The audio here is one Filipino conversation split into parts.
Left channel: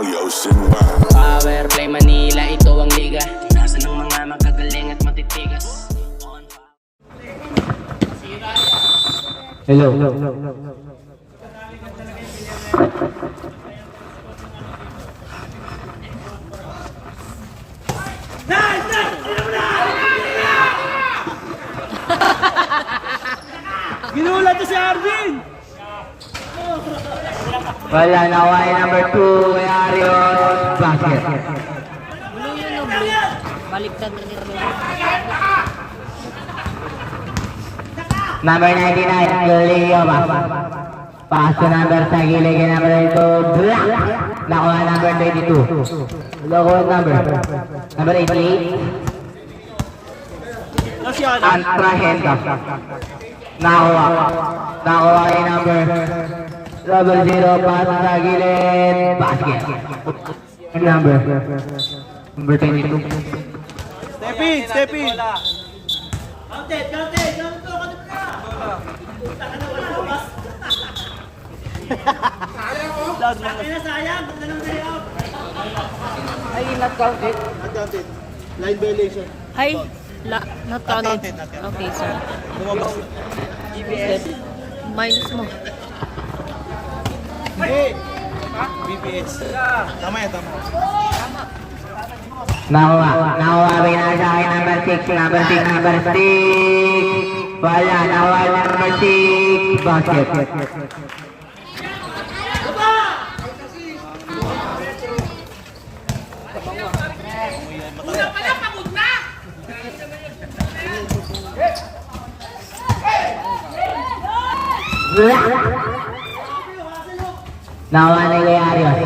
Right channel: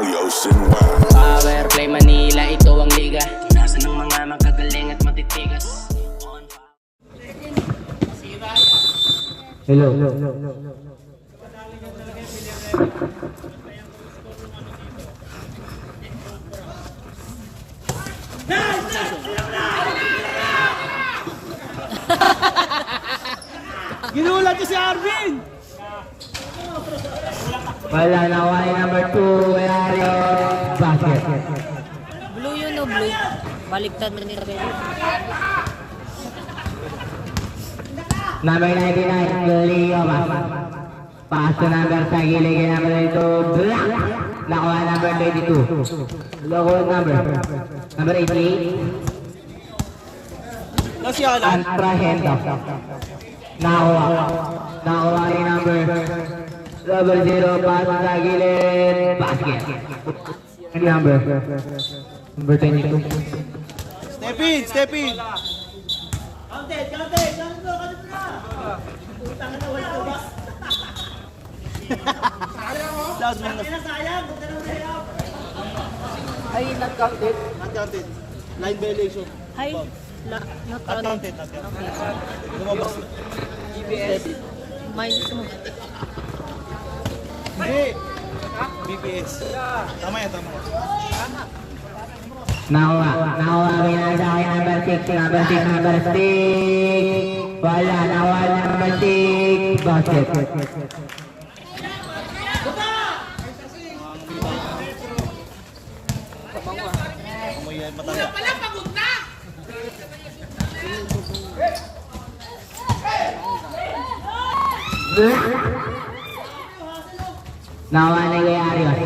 Power Play Manila, ito ang liga. Nasa ng mga magagaling at matitigas. Hello. Ginulat to si Arvin! Wala na Y number 2 kay Arion. Basket. Blue yun o blue. Baliktad na nito. Number 99, Leo. Pass to number sa gilid kay number 2. Black. Nakuha number 22. Nakuha number 88. Antra Henda. Nakuha kay number 0, pass sa gilid. Basket. Number 22. Step in! Ay, not counted. Uncounted. Line violation. Hi. Not counted. Okay, so. Lumabas. Minus mo. Hindi. BPS. Tama yan, tama. Nakuha binasa kay number 6. Wala, nakuha number 6. Basket. Nakuha ni Kuya Arios.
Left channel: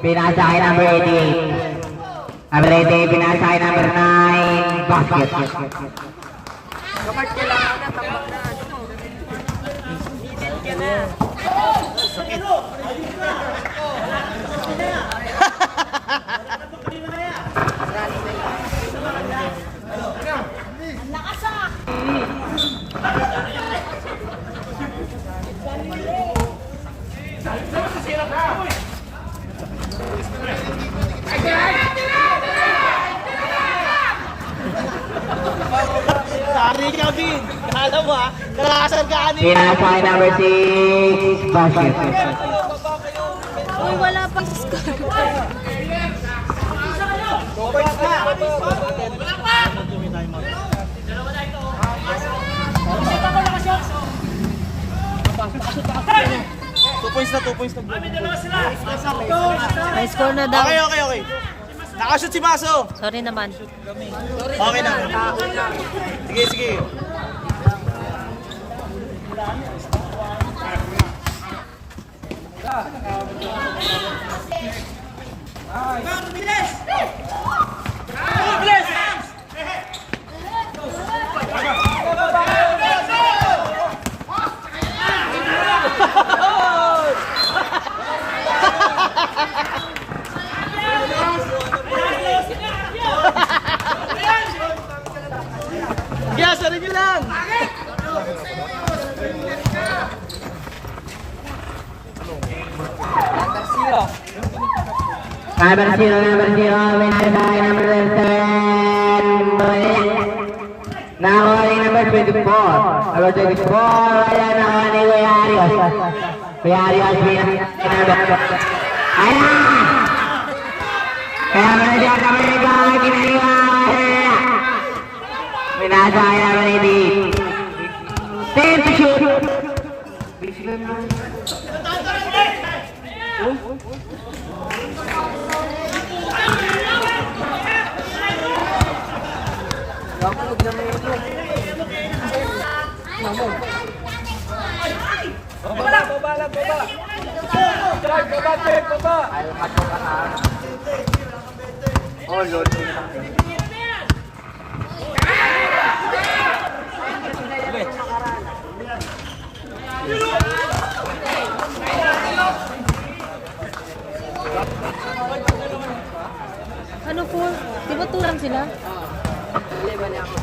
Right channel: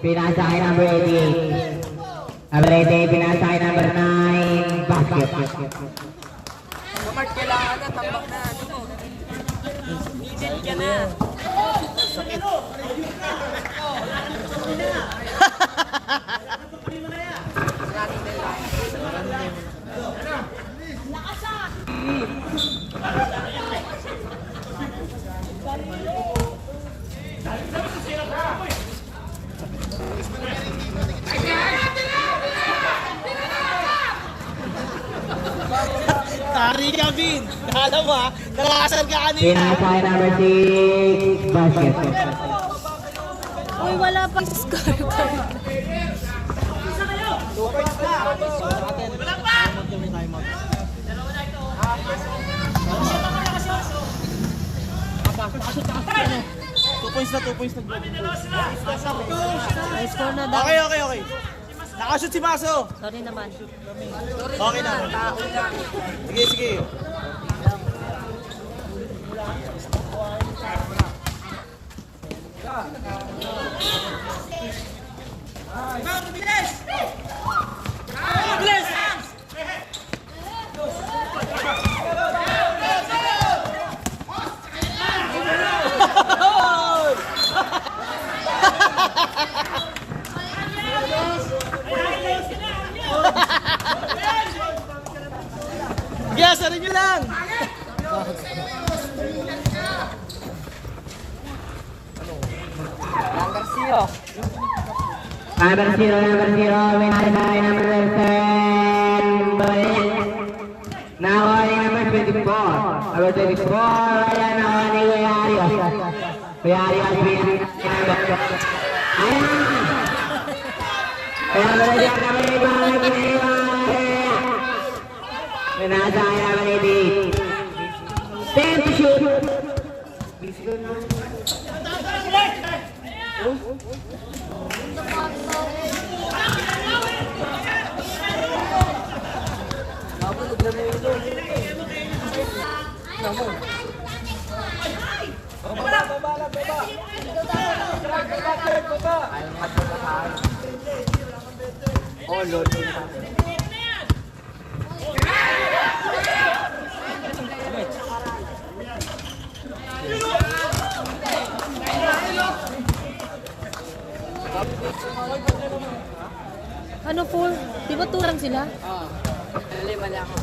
Pinasa kay number 88. Number 88, pinasa kay number 9. Basket. Tari ka, Vin! Nakala mo ha? Nakakasal ka kanina! Pinasa kay number 6. Basket. Uy, wala pang score. Two points na. May score na daw. Okay. Nakashoot si Maso! Sorry naman. Okay na. Sige. Yes, sarin nyo lang! Number 0, winner by number 7. Nakuha ni number 24. Number 24, wala nakuha ni Kuya Arios. Kuya Arios, number. Ayan! Kaya ba na siya kami nagkakang kinaliwa? Pinasa kay number 88. 10 to shoot. Ano po? Di ba turang sila? Mali ako.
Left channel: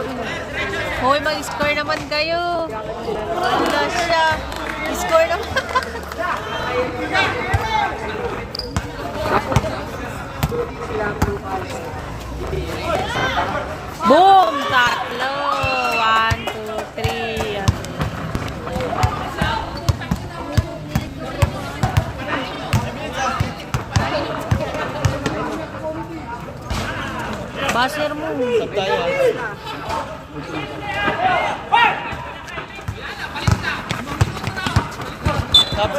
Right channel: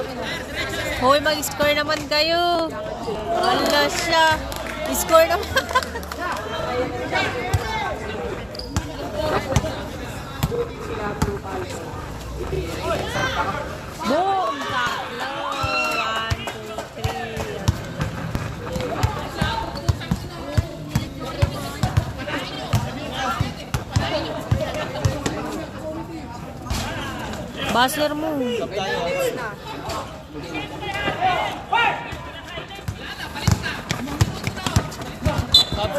Hoy, mag-score naman kayo. Ano siya? Score naman. Boom! Tatlo. 1, 2, 3. Yan. Buzzer mo. Stop.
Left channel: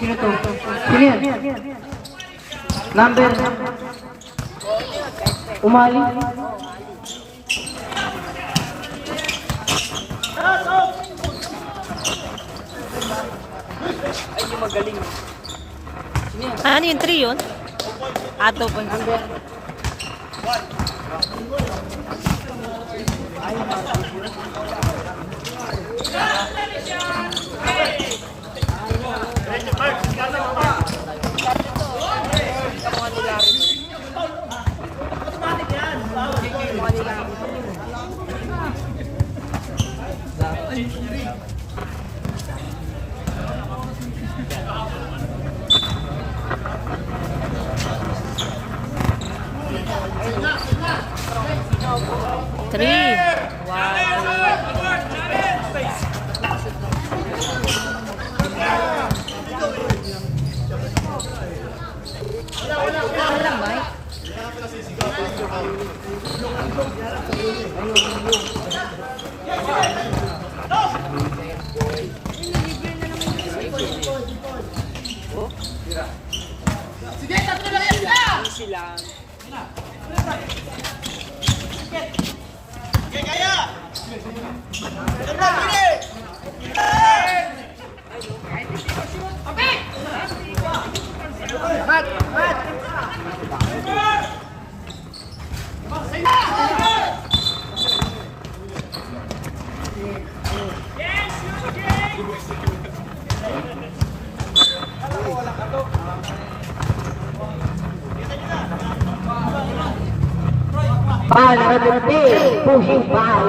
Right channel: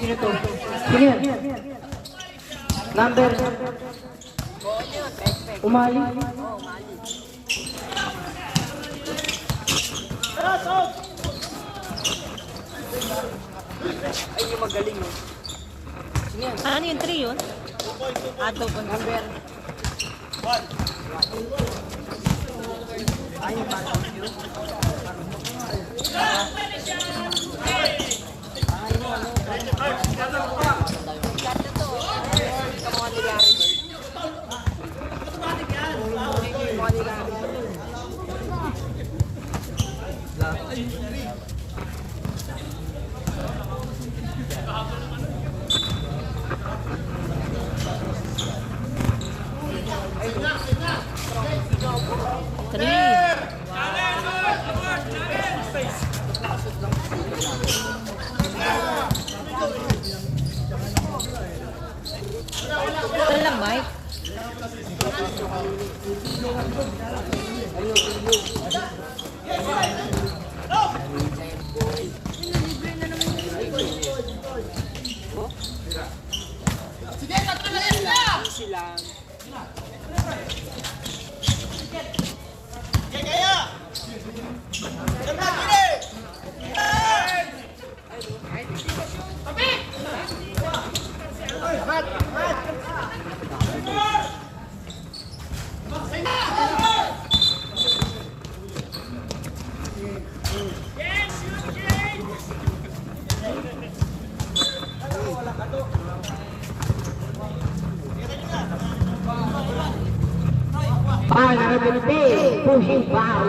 Sino to? Sino yan? Number? Umali? Ano yung 3 yun? Ato po. Number? Three. Foul number 15, pushing foul.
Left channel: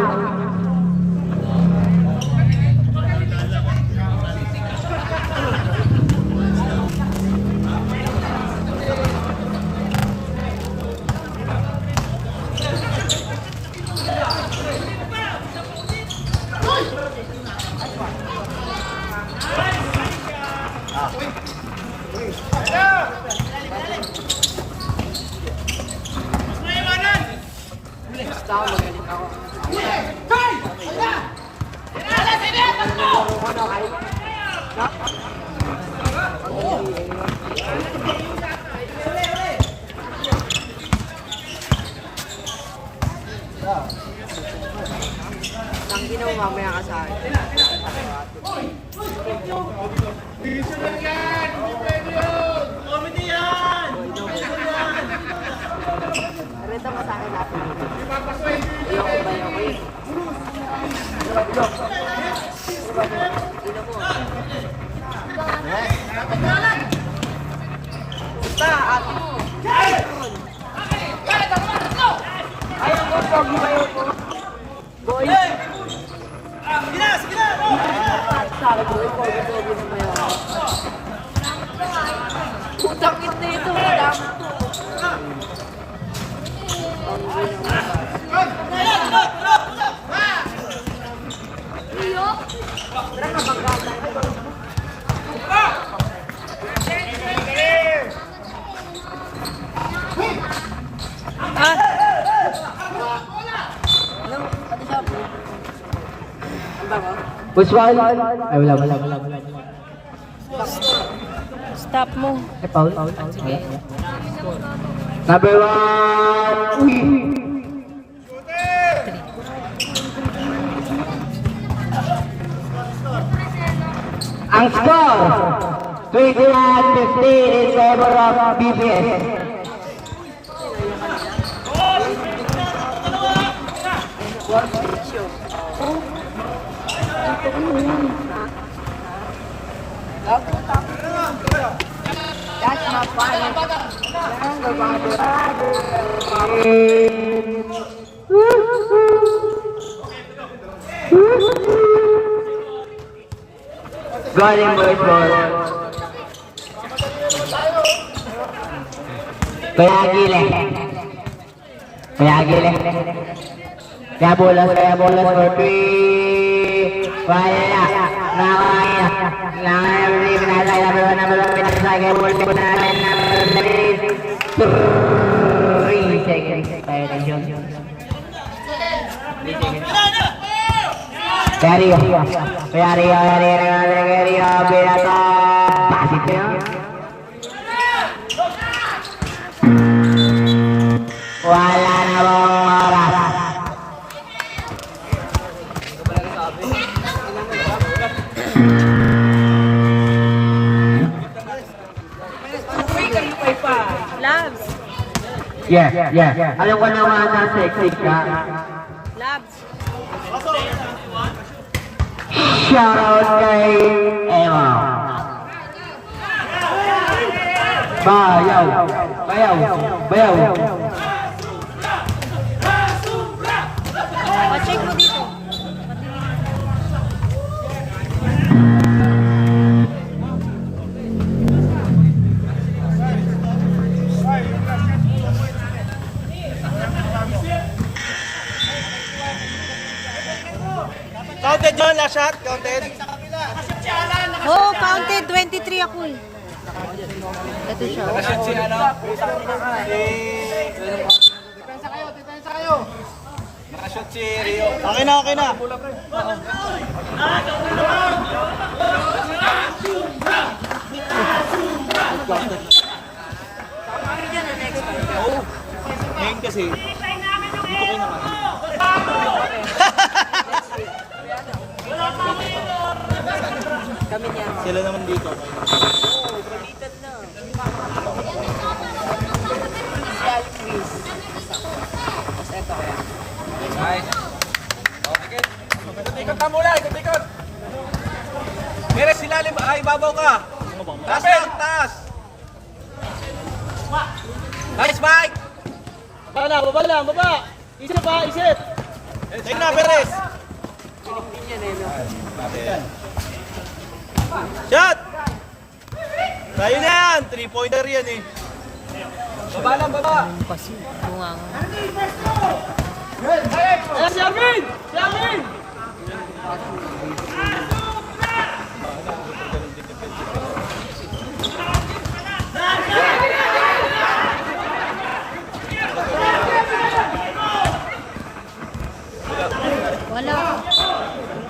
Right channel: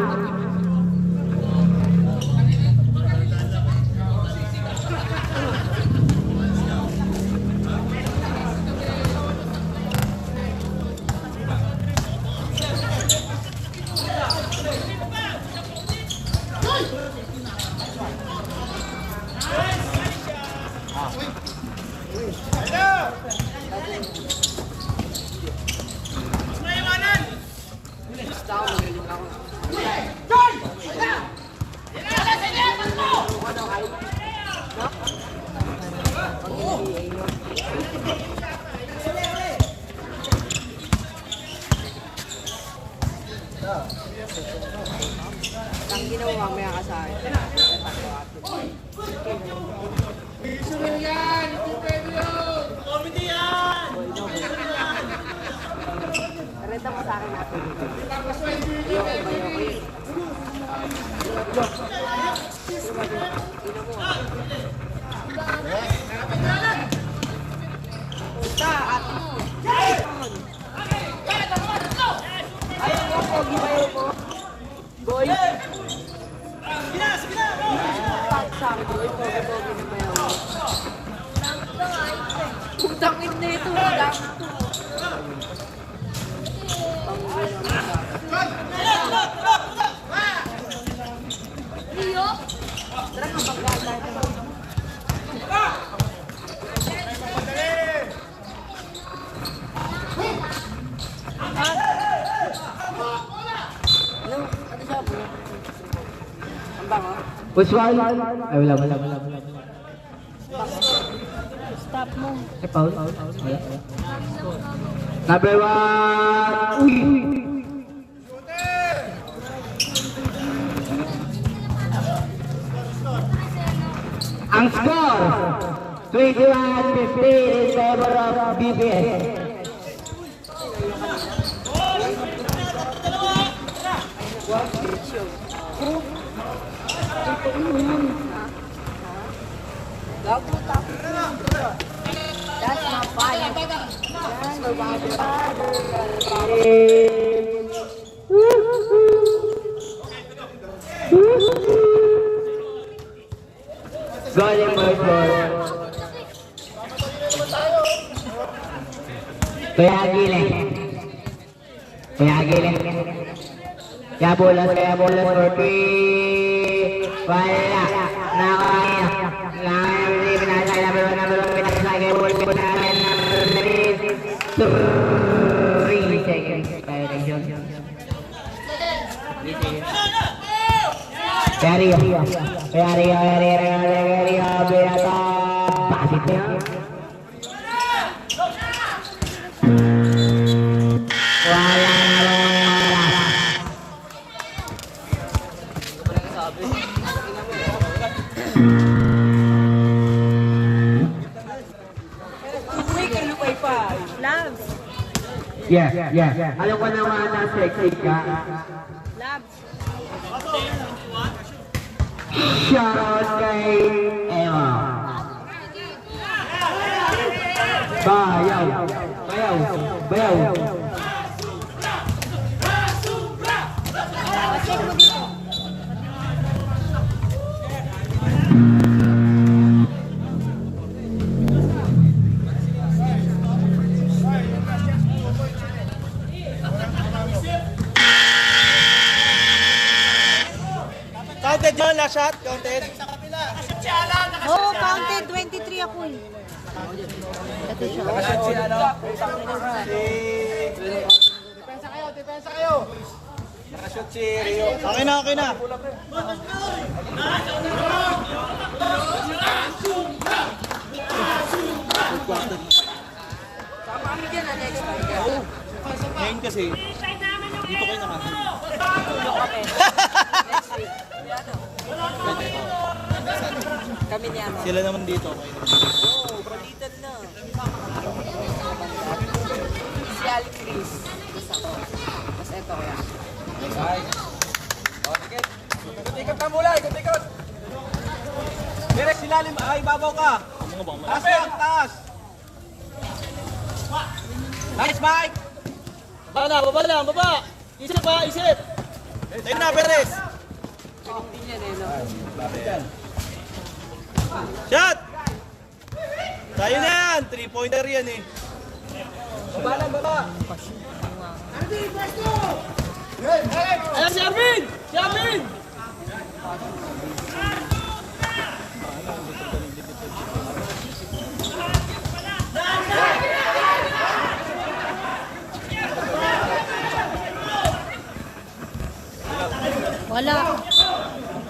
Ang ginawa mamaya ka sa akin. Renta mo sa akin natin. Ayoko ba ayoko yun? Ino mo. Punta, ate mo. Ayun mo, pogi ba yun? Goy! Sa akin, goy, pogi-pogi naman yun. Putang ina ito, damot to. Push foul. Ay, wala. Stop mo. Ay, foul. Wala. Number 1. Uy! Ang score, 21-15 in favor of BPS. Guarding boys ball. Kaya gile. Kaya bolas for 3. Wala. Nakakaya. Nakakaya. Pinasaya. Pinasaya. Pinasaya. 3 seconds. Tayo kay John. 3 seconds. Kaya Rio. Beata. Pasit na yun. Wala na bang oras. Labs. Yeah. Alam ko naman na sexy ka. Labs. Shoutout kay Emma. Bayaw. Pacheck mo dito. Counted yun, last shot. Counted. Oh, counted. 23 ako eh. Ito siya. Depensa kayo. Nakashoot si Rio. Okay na. Ngayon kasi, dito ko naman. Kami niya. Sila naman dito. Balitan na. Ikot ka mula, ikot. Mere, silalim, ibabaw ka. Taas. Nice, Mike. Baba lang. Isip. Tayo na, Perez. Shot! Tayo na yan! 3-pointer yan eh. Baba. Si Armin! Wala.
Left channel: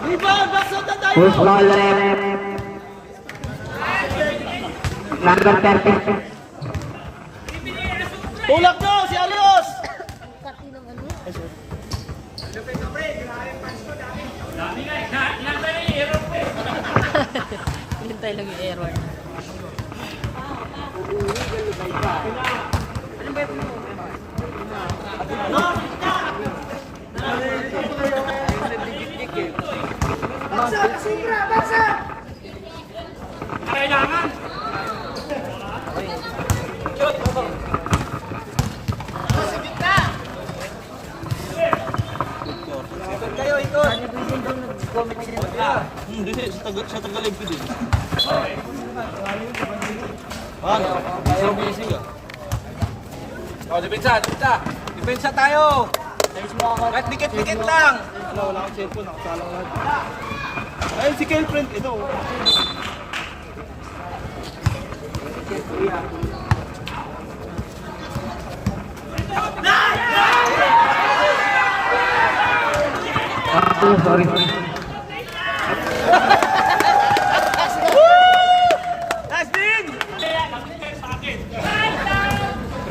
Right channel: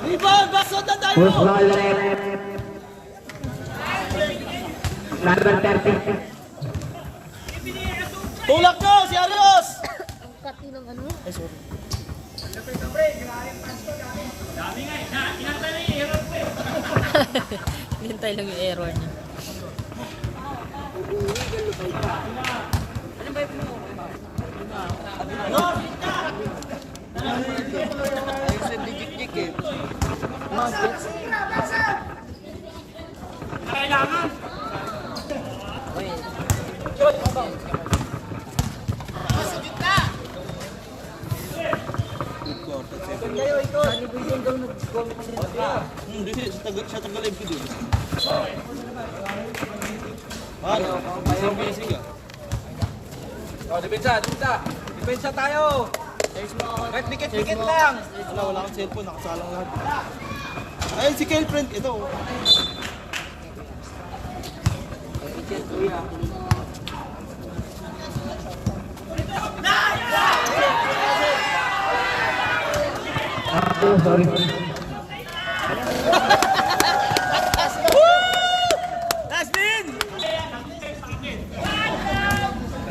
Rebound! Backside na tayo! Push ball rep. Number 30. Tulak nyo! Si Arios! Pati ng ano yun? Hintay lang yung error. Hindi sa Tagalog ko din. Ano? Busy ka. Depensa tayo! Kahit dikit-dikit lang! Wala kang cellphone, nakasalang lahat. Ayun si Kelfriend, ito. Oh, sorry.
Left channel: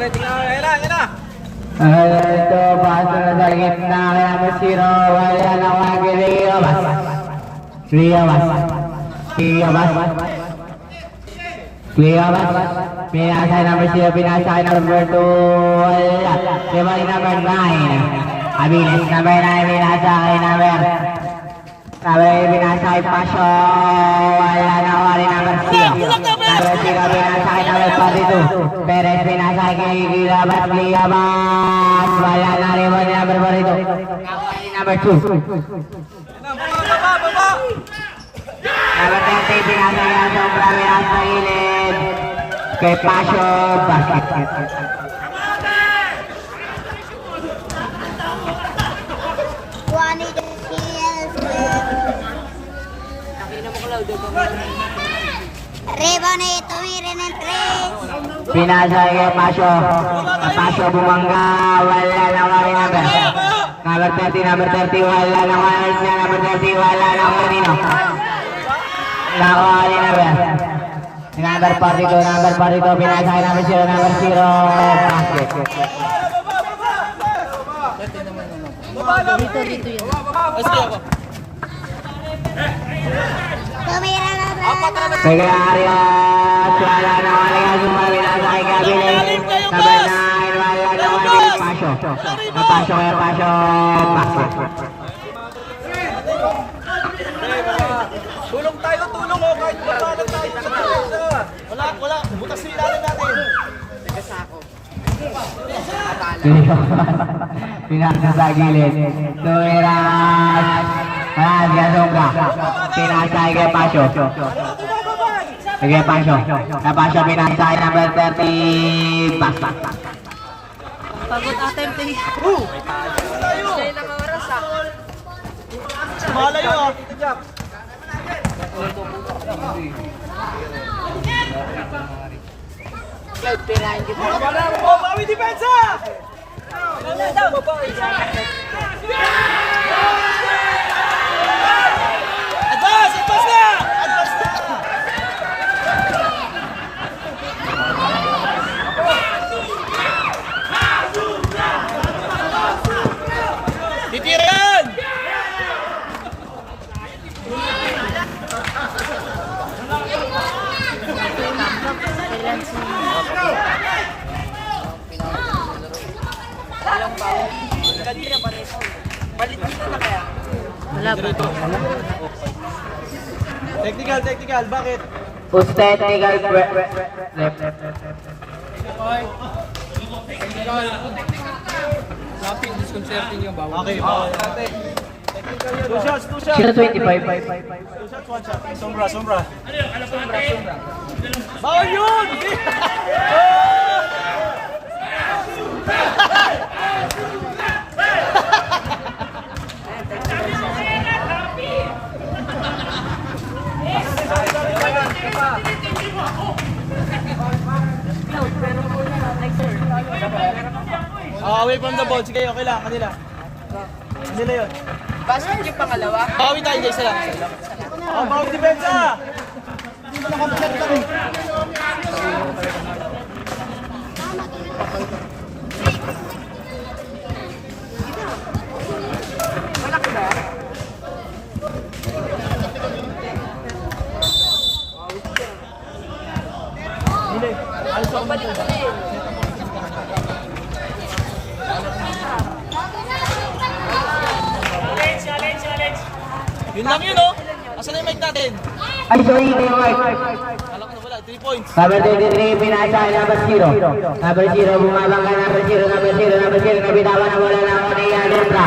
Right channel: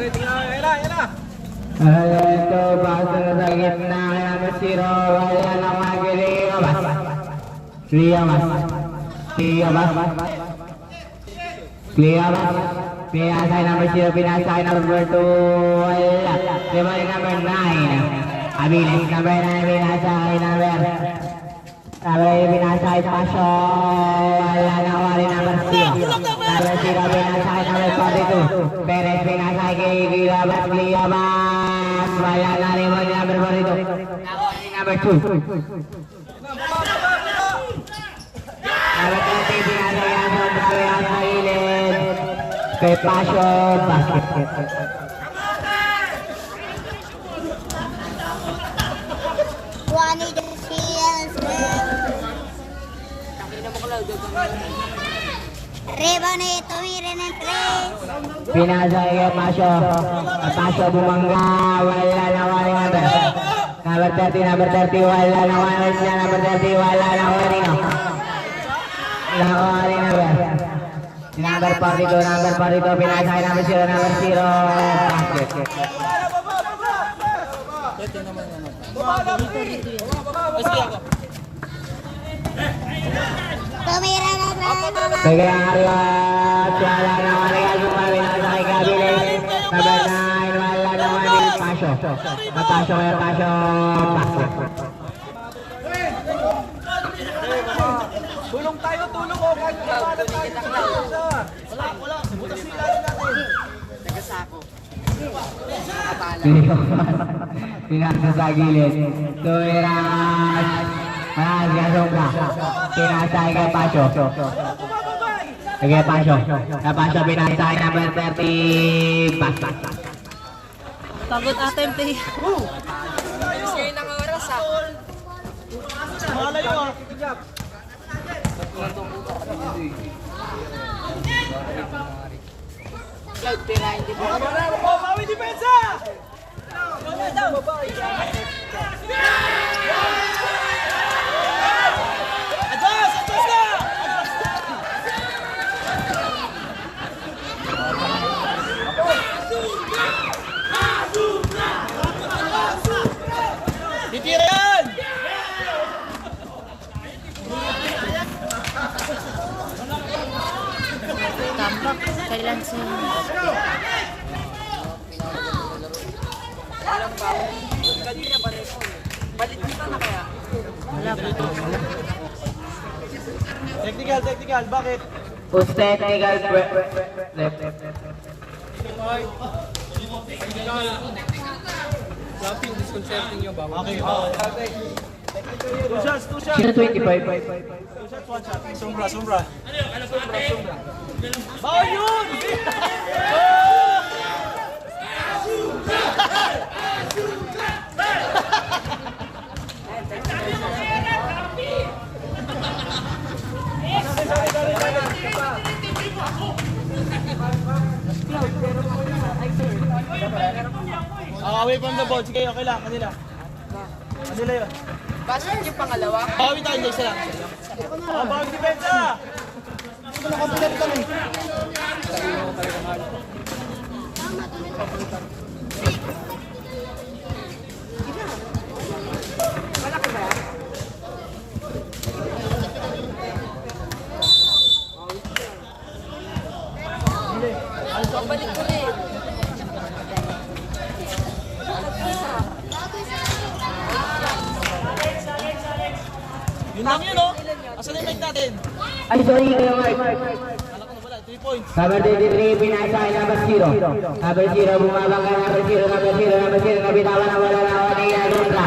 Ready na, ayan na, ayan na. Ito, basa na sa gitna, kaya masiro, wala na wagiri, Pinasay number 0, pinasay number 2, wala. Ribali number 9. Abilis number 9, pinasay number. Pinasay Pasyo, wala na wali number 0. Number 0, pinasay number 22. Perez pinasay Gilabas, wala na ribali number 42. Number 2. Number 30, pinasay ang sombra, pinasay gilid. Kay Pasyo, basket. Rebane, tumirin ng 3. Pinasay kay Pasyo. Pasyo bumangga, wala na wali number. Number 30, wala na wali niya. Number 30, wala na wali no. Wali number. Number 42, pinasay number 0, number 0. Basket. Tumira ng 3. Kaya Arias, wala na wali ka pinasay Gabilis. Number 9, wala na wali Pasyo. Pasyo kaya Pasyo, basket. Tulong tayo, tulong oh, kahit pagkanan tayo sa kanisa. Wala, butas sila rin natin. Pinasay sa gilid. Tumiras. Gasongga. Pinasay kay Pasyo. Kay Pasyo. Kay Pasyo pinasay number 30. Pas. Pagod atin, te. Siya yung nag-oras, ah. Malayo ah. Jack. Bawi depensa! Advance! Advance na! Titira yan! Kailan siya? Wala ba ito? Technical, bakit? Who's technical? Laping, disconcerting yung bawal. Okay. Two shots. Sino 25? Two shots, one shot. Sombra. Bawal yun! Away from the ball. Sige, okay lang. Kanila. Kanila yun. Basket yung pangalawa. Bawi tayo, guys. Sila. Bawi depensa! Yun lang yun, oh. Asan yung mic natin? Ay, sorry, Kuya Mark. Alam ko na wala, 3 points. Number 23, pinasay number 0. Number 0, bumabang ka number 0. Nabitawan na wala na ako ng Yadendra.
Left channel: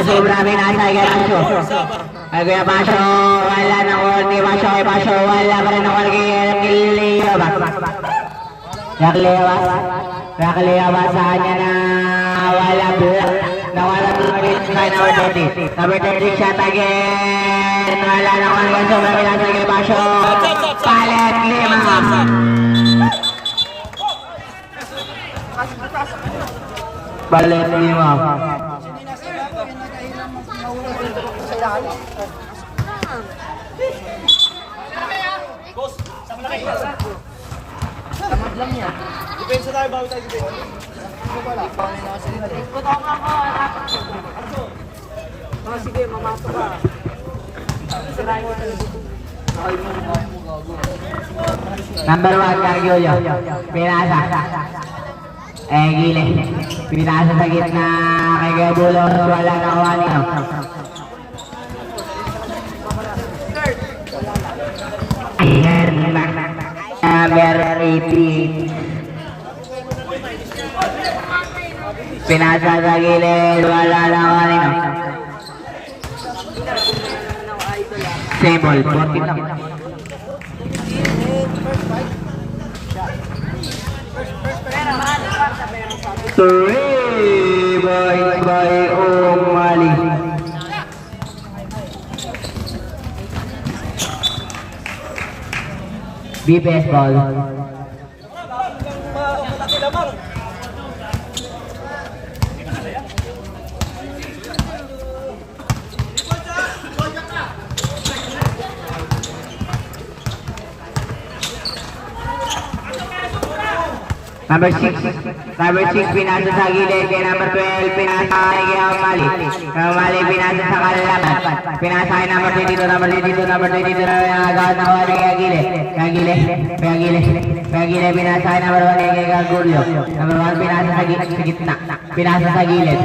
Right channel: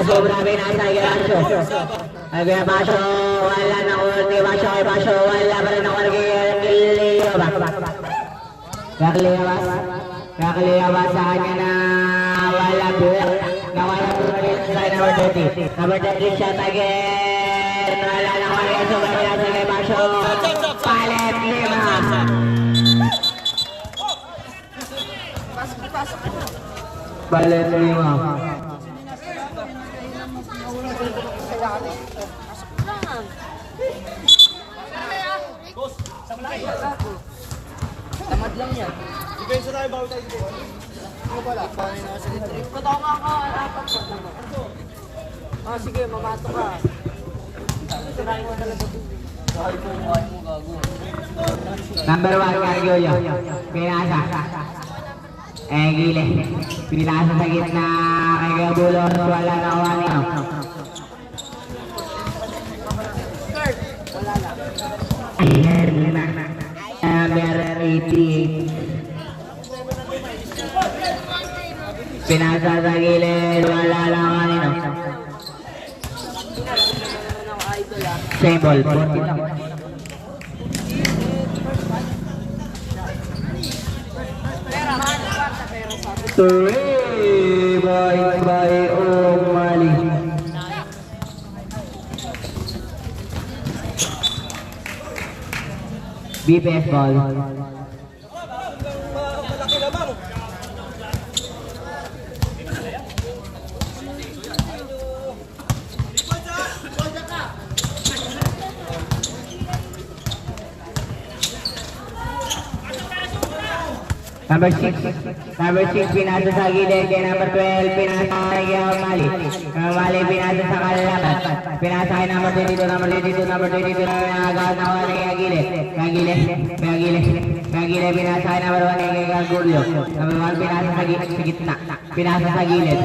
Asobra, pinasay kay Pasyo. Ay, Kuya Pasyo, wala na korni. Pasyo, wala pa rin na korni. Nakaliyawas sa kanya na wala number 30. Number 30 shot again. Wala na korni. Asobra, pinasay kay Pasyo. Palit 5. Palit 5. Depensa tayo, bawi tayo dito. Sige, mamato ka. Number 1, Gargoyo. Pinasa. Gile. Pinasa sa gitna. Kay Gabulo. Wala na kuha niyo. Ayan na. Number 80. Pinasa sa gilid. Wala na kuha niyo. Symbol. 14 lang. Three by Umali. BPS ball. Malaki lamang. Number 6, pinasa sa gilid. Kay number 12, pinasa kay Umali. Umali, pinasa sa kalaban. Pinasa kay number 22, number 22, number 22 na agad na kuha na kay Agile. Kay Agile, pinasa kay number 1 kay Gargoyo. Number 1, pinasa sa gitna. Pinasa sa gilid.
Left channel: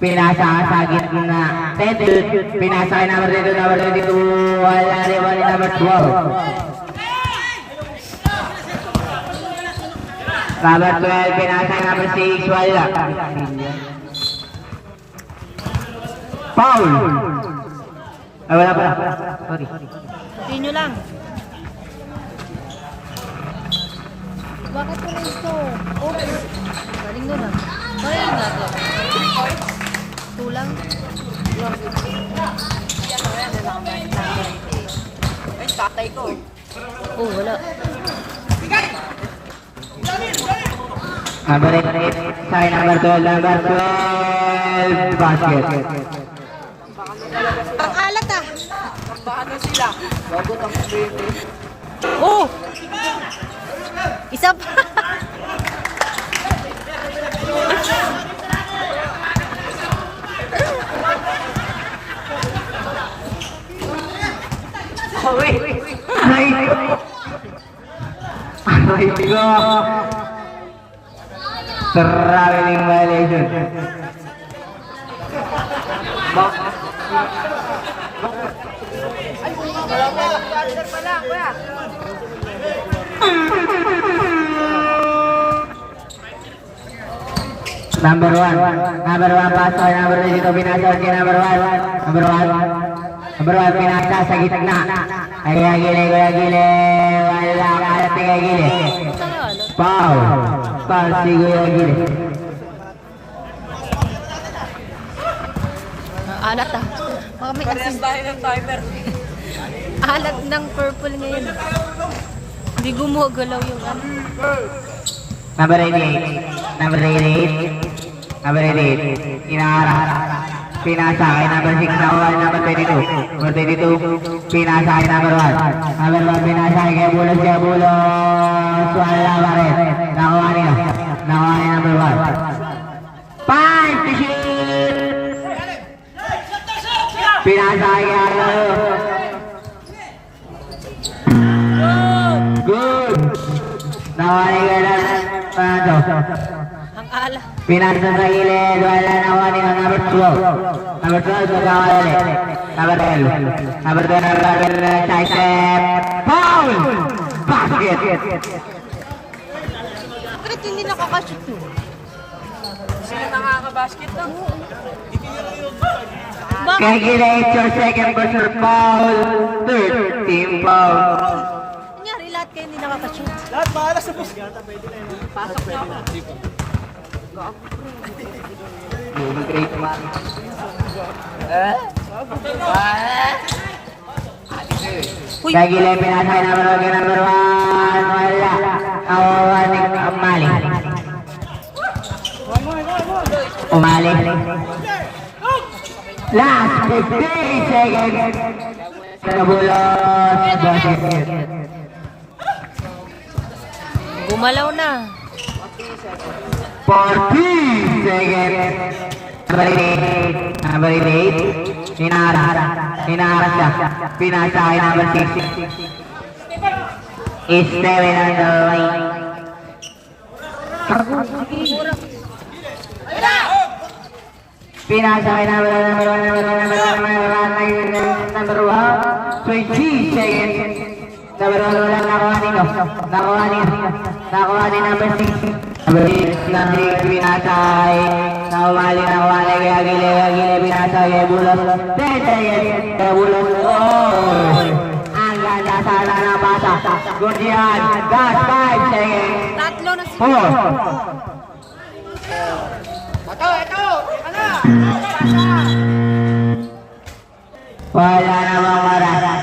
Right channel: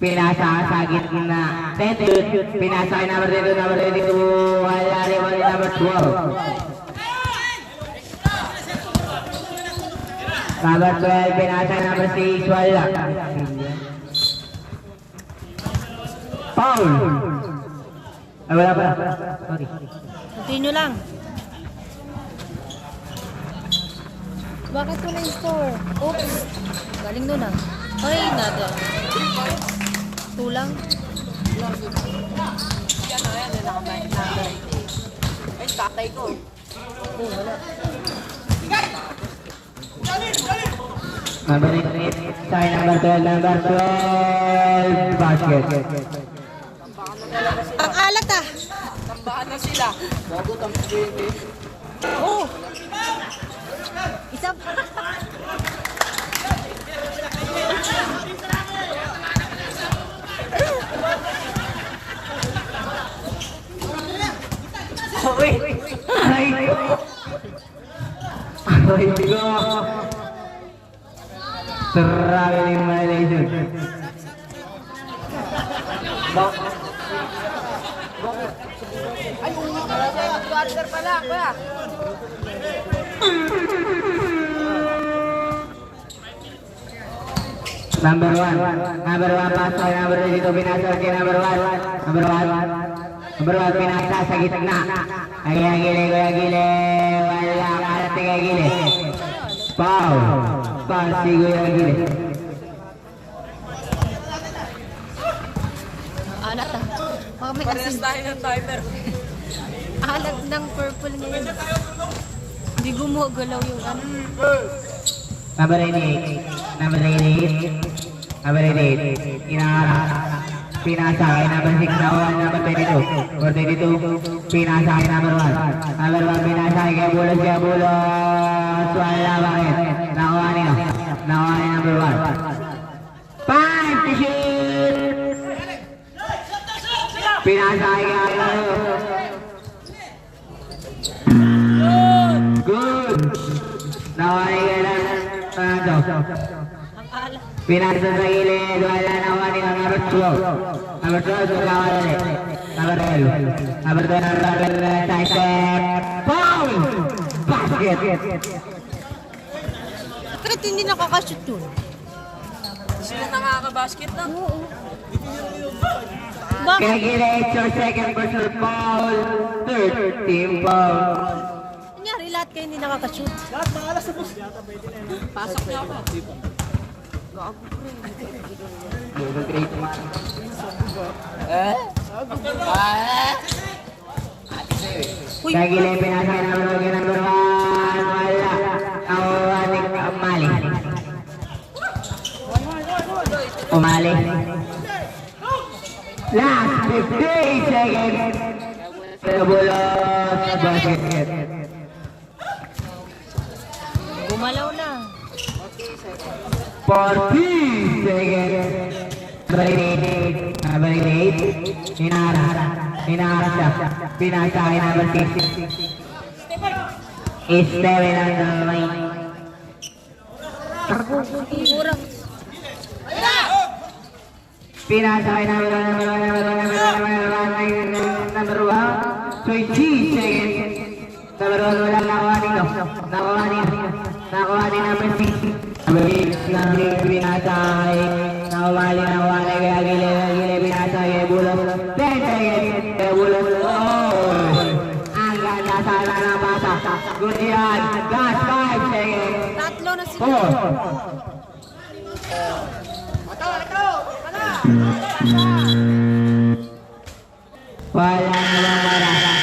Pinasa sa gitna. Pinasa kay number 22, number 22. Wala rin, number 12. Number 12, pinasa number 6, wala. Foul! Ay, wala pala. Sorry. Continue lang. Bakit ko na store? Oops. Galing nun ah. Ay, natin. Tulang. Ay, tatay ko. Wala. Number 8, sign number 12, basket. Ang alat ah. Paano sila? Oh! Isa pa. Ay, go! Traveling violation. Number 1 paso, number 2 dito pinasa si number 1. Number 1 pinasa sa gitna. Ay gile, wala karating kay gile. Foul si Kuya Gile. Alat ah. Baka may Parehas asin. tayo ng timer. Alat ng purple ngayon. Hindi gumagalaw yung ano. Number 88. Number 88. Inaharap. Pinasa kay number 6 na uwan, number 22. Number 22. Pinasa kay number 1. Number 1 pinasa kay Bulos. Wala pa rin. Nakuha niya number 1. 5 to shoot! Pinasa kay Arlo. Good! Nakuha niya Fernando. Ang alat. Pinasa sa gilid, wala nakuha niya number 12. Number 12, magkawala ulit. Number 12. Number 12, side step. Foul! Basket! Bakit hindi nakakashoot yun? Sino nakaka-basket na? Bakit? Kaya gilid, your second personal foul. Third team foul. Nangyari lahat kayo hindi nakakashoot. Lahat bahala sa bus. Kaya gilid, pinasa kay number 1. Wala. Nakuha ni Umali. Last 15 seconds. Nabulos. Basket. Gumalaw na. 40 seconds. Number 8. Hinaharap siya. Pinasa kay number 6. Is 7 on the line. Pinasa kay number 1. 20 seconds. Number 1 wala nakuha nito. Nakuha ni number 6. Number 8 lang rin pinasay. Nakumali kay Agile pinasay kay Bulos. 10 seconds. Kay Bulos. Ang ganda sana na pasa. Good yan. Last 5 seconds. Tatlo na 4. Wala na bang mara.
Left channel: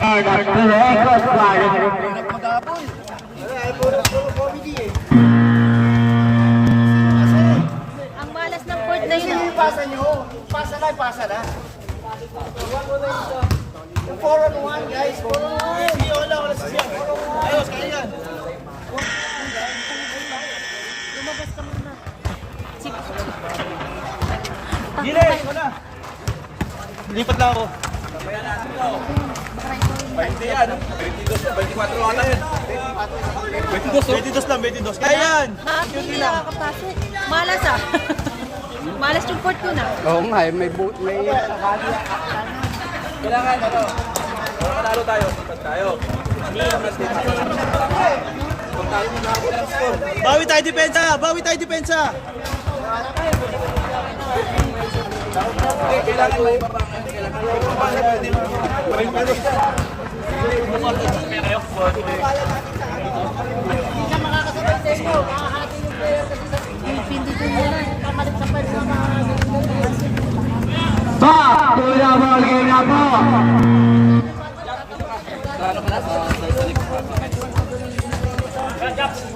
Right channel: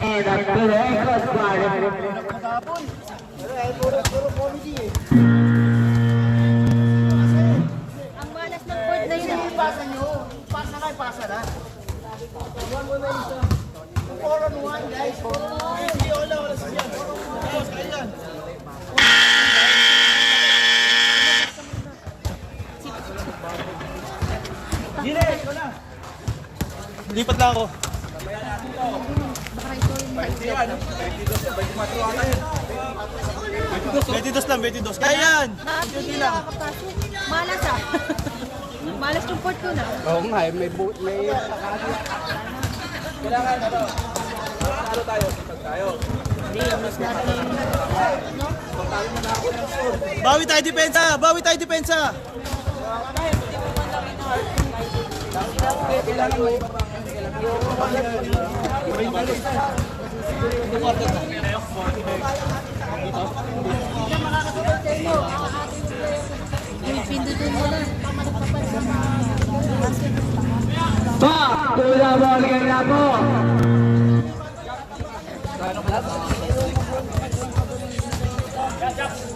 And up to the record quarter. Ang malas ng court na yun. Pasa na. 4-on-1 guys. 4-on-1. Sige, wala siya. Ayos, kaya yan. Lumabas ka muna. Gile, wala. Lipat lang ako. Baka ito yung 22 lang. Kaya yan. hindi nakakapasok. Malas ah. Malas yung court ko na. Oo nga, may kailangan talo tayo. Bawi tayo depensa. Hindi ko muna. Kamalit na person. Back to the ball game na po.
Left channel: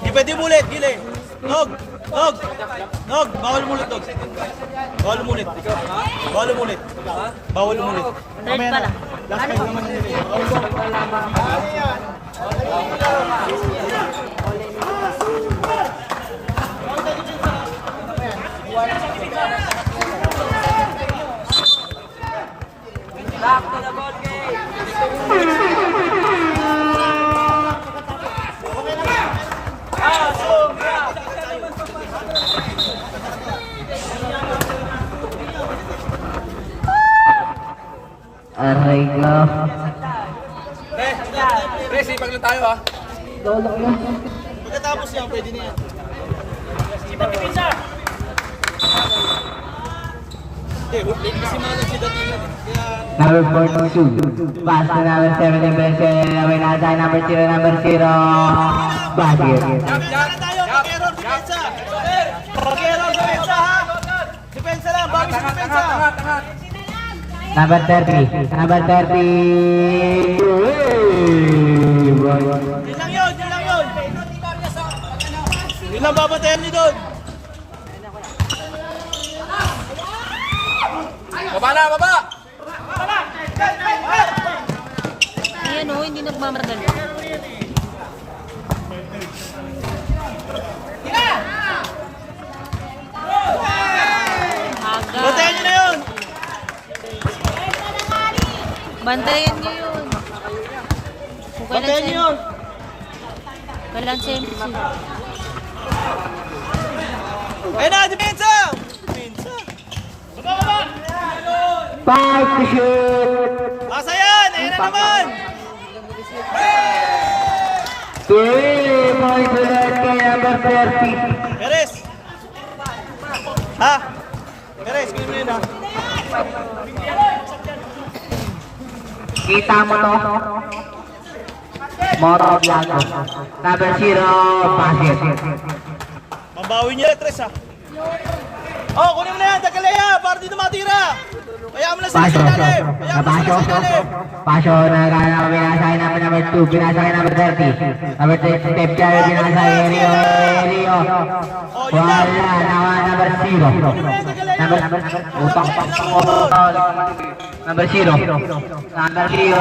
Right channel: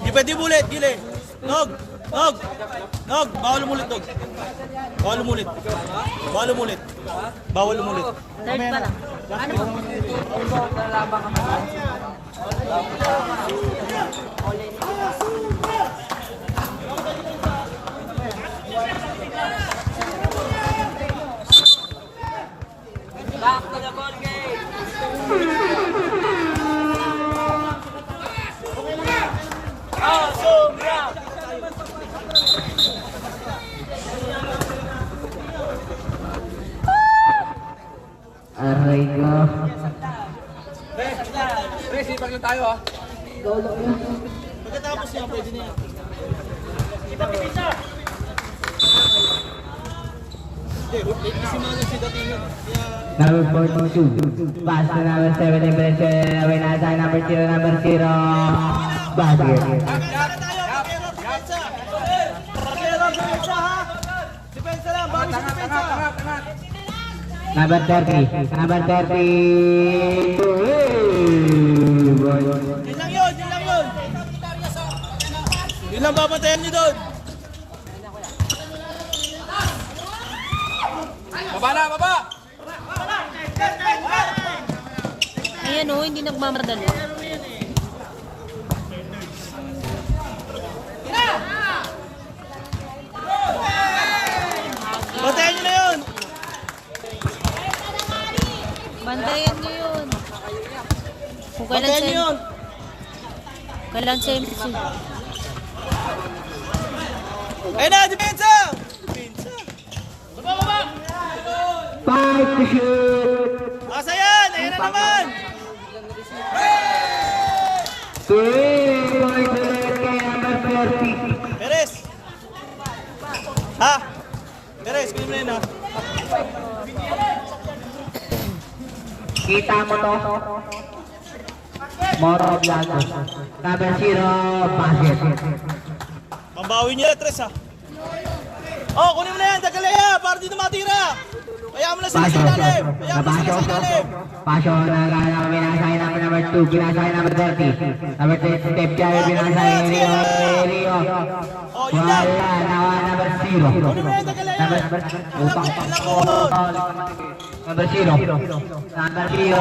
Di pwede mulit, Gile. Nog. Bawal umulit, Nog. Bawal umulit. Third pa lang. Ano pa? Aray ka. Sipag lang tayo ha. Pagkatapos yan, pwede na yan. Number 4-2. Pass to number 7. Number 9. Number 0. Basket. Depensa lang, bawi sa depensa. Number 30. Number 30. Yun lang yun. Yun lang babatayan niyo doon. Baba! Ayan o, hindi nagmamardali. Batayan niyo na yun. Bantayan niyo yun. Kung Batayan niyo yun. kailan sensi. Ayun na, depensa! Baba! 5 to shoot. Pasa yan! Ayun na naman! 3 points to net kay number 30. Perez! Ha? Perez, kayo mo yun ha? Kita mo to? Moro Blanco. Number 0, basket. Mambawi niya, Tres ha? Oh, kunin mo na yan! Dagalaya! Para dito matira! Kaya mo na sa ilalim! Pasyo na gana binasay namin number 2, binasay number 30. Number 30, step down, binasay Rio. Wala, number 0. Number 0. Number 0,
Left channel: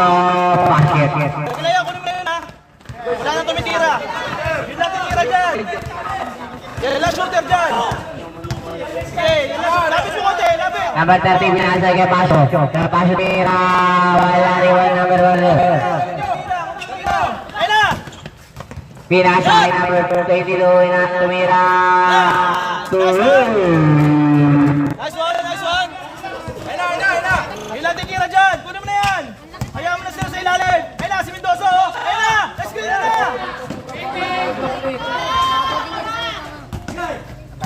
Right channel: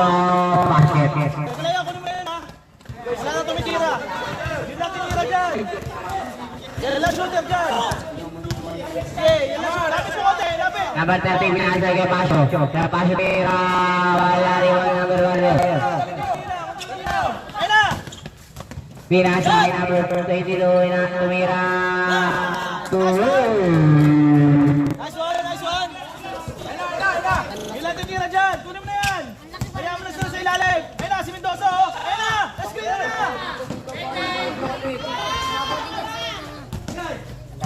basket. Dagalaya, kunin mo na yan ha? Wala nang tumitira! ka dyan. Okay, last shooter dyan. Okay, yung last. Lapis mo konti, lapis. Number 30, binasa kay Paso. Kaya Paso tira. Wala riwan number 1. Ayun na. Binasa kay number 22 na tumira. Tuloy. Nice one, nice one. Ayun na, ayun na, ayun na. Ilan titira dyan. Kunin mo na yan. Hayaan mo na sila sa ilalim. Ayun na, si Mendoza. Ayun na. Let's go na.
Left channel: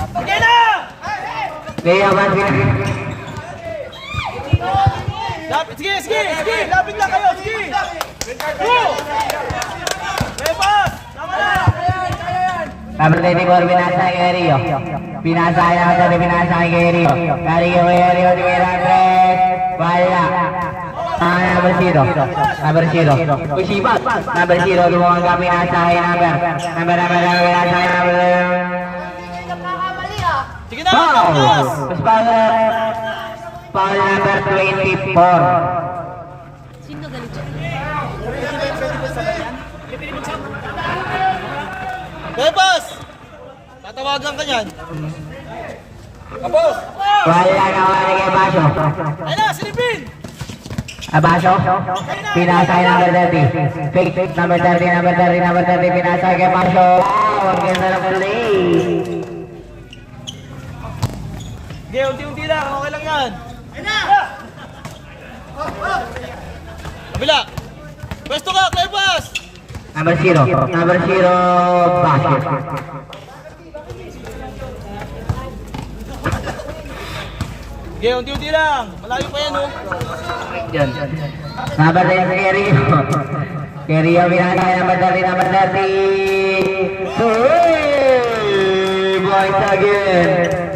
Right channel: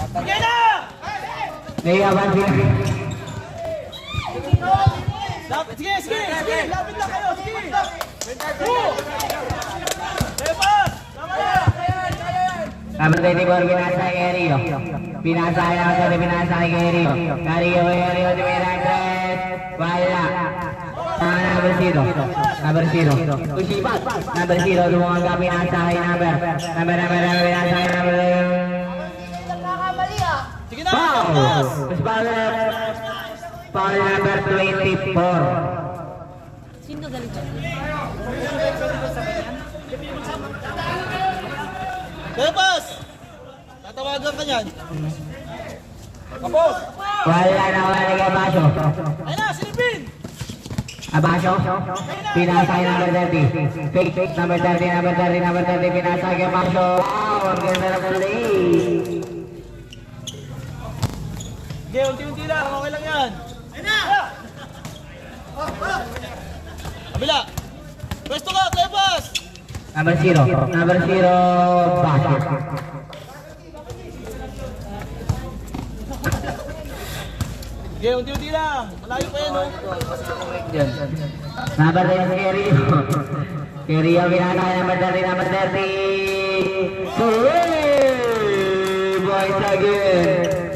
Okay na. Lea Bansi. Lapit, sige, sige, sige. Lapit lang kayo, sige. Go. Repas. Tama na. Number 24, binasa kay Rio. Binasa kay number 30, binasa kay Rio. Rio, tumira 3. Wala. Number 0. Number 0. Usipat. Number 0, lumawang ka binasa kay number. Binasa kay number. Sige na. Foul! Repas. Tapos foul number 24. Sino galit dyan? Repas. Tatawagan ka niyan. Tapos. Wala na wala kay Baso. Ayun na, silipin. Baso, pinasa kay number 30. Fake, number 30, number 30, number 30, pinasa kay Baso. Wow, ang ganda ng play. Okay, unti-unti lang. Okay lang yan. Ayun na. Kabila. Pwesto ka, Repas. Number 0, Baso. Okay, unti-unti lang. Malayo pa yan, oh. Yun. Number 10, Rio. Rio, pinasa kay number 30, number 30. Three points again.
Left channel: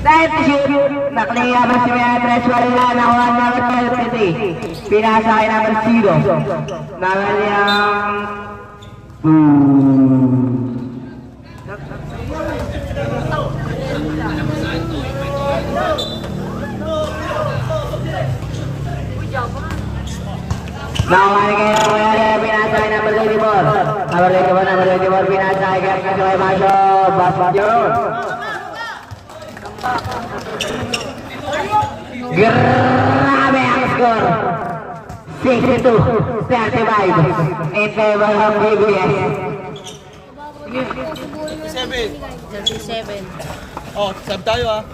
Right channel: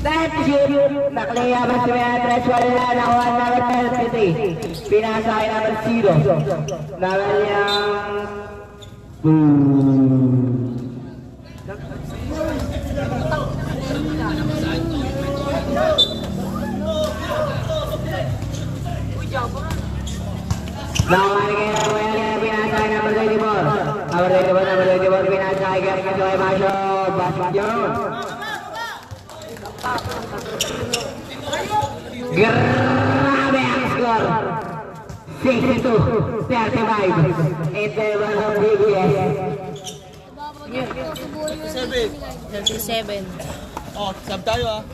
Time to shoot. Nakaliya ba si Meatres? Wala na ako ang number 30. Pinasa kay number 0. Number niyang... Nakawali kayo na kaya pinasa kay number 24. Number 24, pinasa kay Gary Kasoy Masyo. Basket yun. Grabe ang score. 62-35 in favor of BBS. 7. 37. Oh, sab tayo, ah.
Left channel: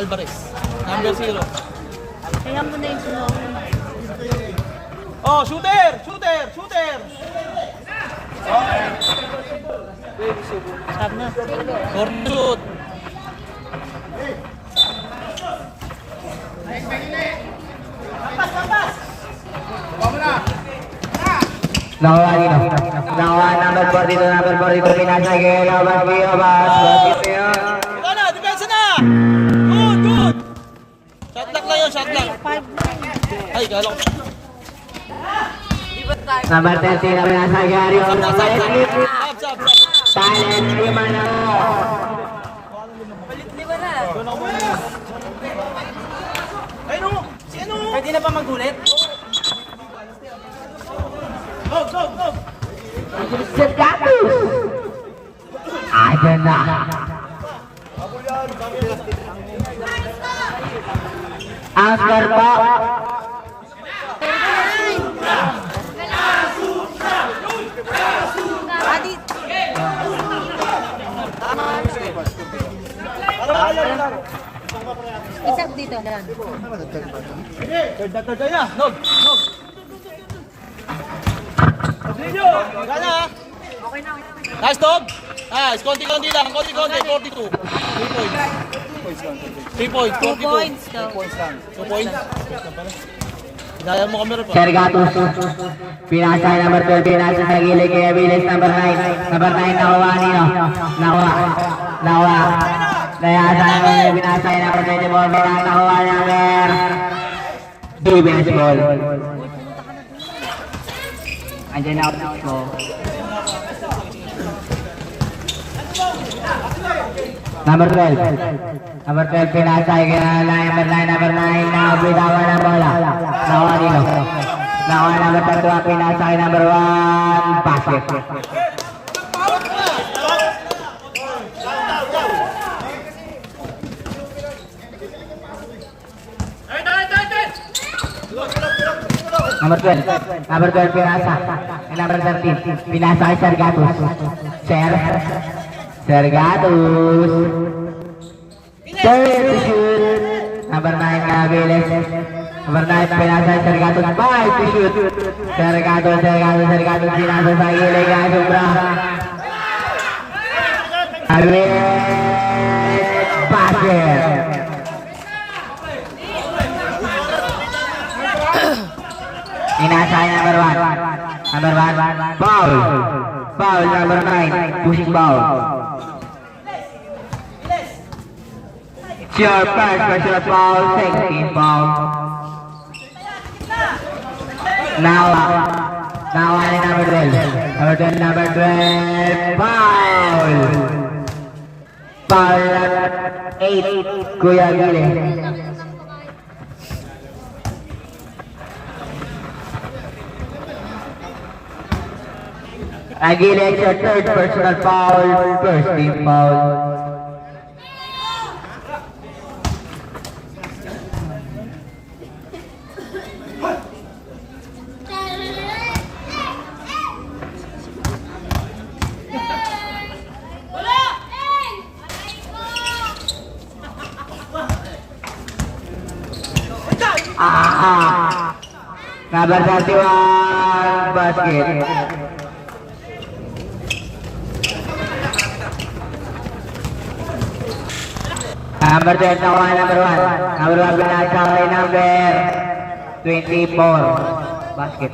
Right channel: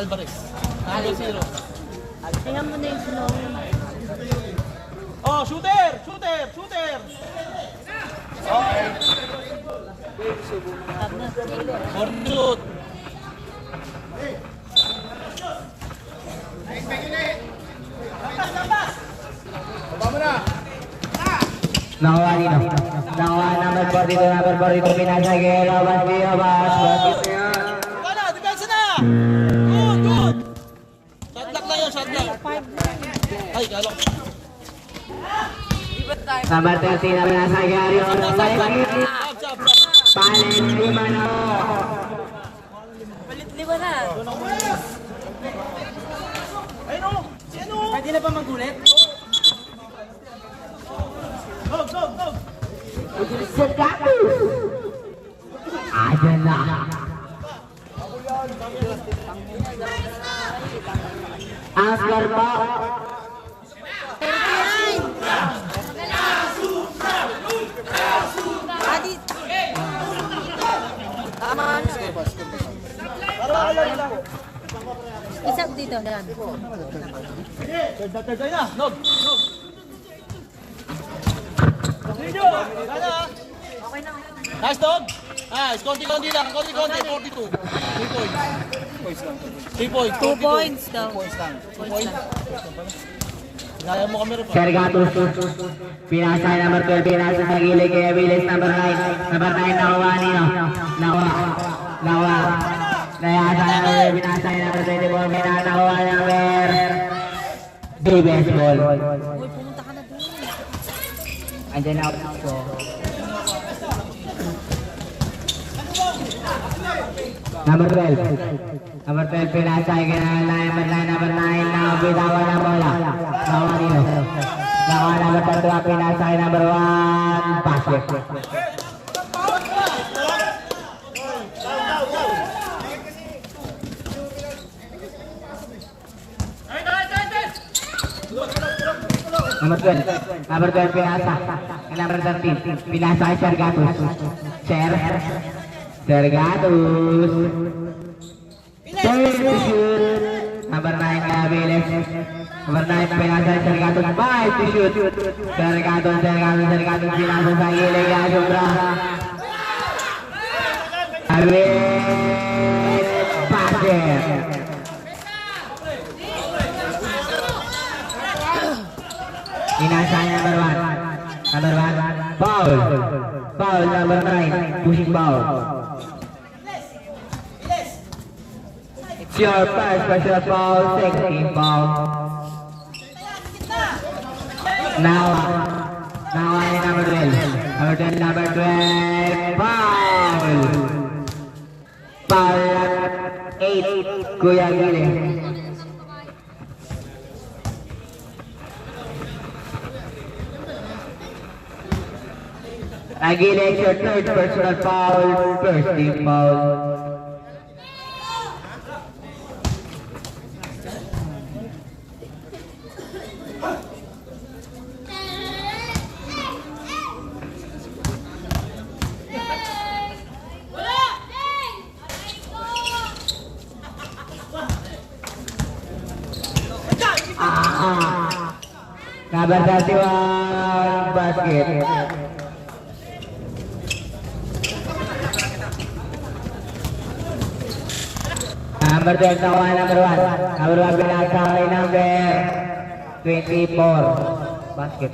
Alvarez. Number 0. Kaya mo na yung sinawin. Oh, shooter! Shooter! Shooter! For shoot! Nawawali na. Nawawali number 42, number 42, pinasa kay Robas Biobas. Basket yun. Ito na! Depensa na! Good! Good! Shot lock lang yun, shot lock. 5 lang. Ay, kala ko. Number 30 na pinasa kay Ario. Sab, sab. Talent 5 na. Lima na. Ay, no! Sino? Pwede na pa magulit? Go, go, go! Sedatus. Ada na. Ang score po. Adi. Isa dito, Dan. Third na. Nog, nog. Video! Kaya! Okay na. Nice, dog! Nice, konti-konti lang, konti-konti, 42. 3 points. 2 points. 2 points lang. 2 points. Hinaya mo kami rin pa. Sergatus. Pinasa kay number 12. Pinasa sa gilid kay Aviles number 9. Number 9 nakuha niyo. Nakuha. Kaya sa kay pinasa kay number 24. Pinasa nakuha niya number defense ball. Andiyan na out ko. Number 12. Number 12, pinasay kaya number 9, nakabitawan ng bola. Nakuha dito. Nakuha number 2, pinasay number 1, basket. Number 12, pinasa. Number 13, pinasa kay Sergatus. Sergatus. Number 9, Viles. Number 9, pinasa kay Sergatus. 5 to shoot. Sergatus, pinasa sa gilid kay Sombra. Basket. Inasay number 1. Foul. Foul number 9. Pushing foul. It's your first personal foul. Second foul. Now I number 12. Number 12. Foul. Foul 8. Kuya Gile. Again, it's your third personal foul, first team foul. Number 31, basket. Number 12, nakuha number 1. Number 1, binasa kay number 24. Basket.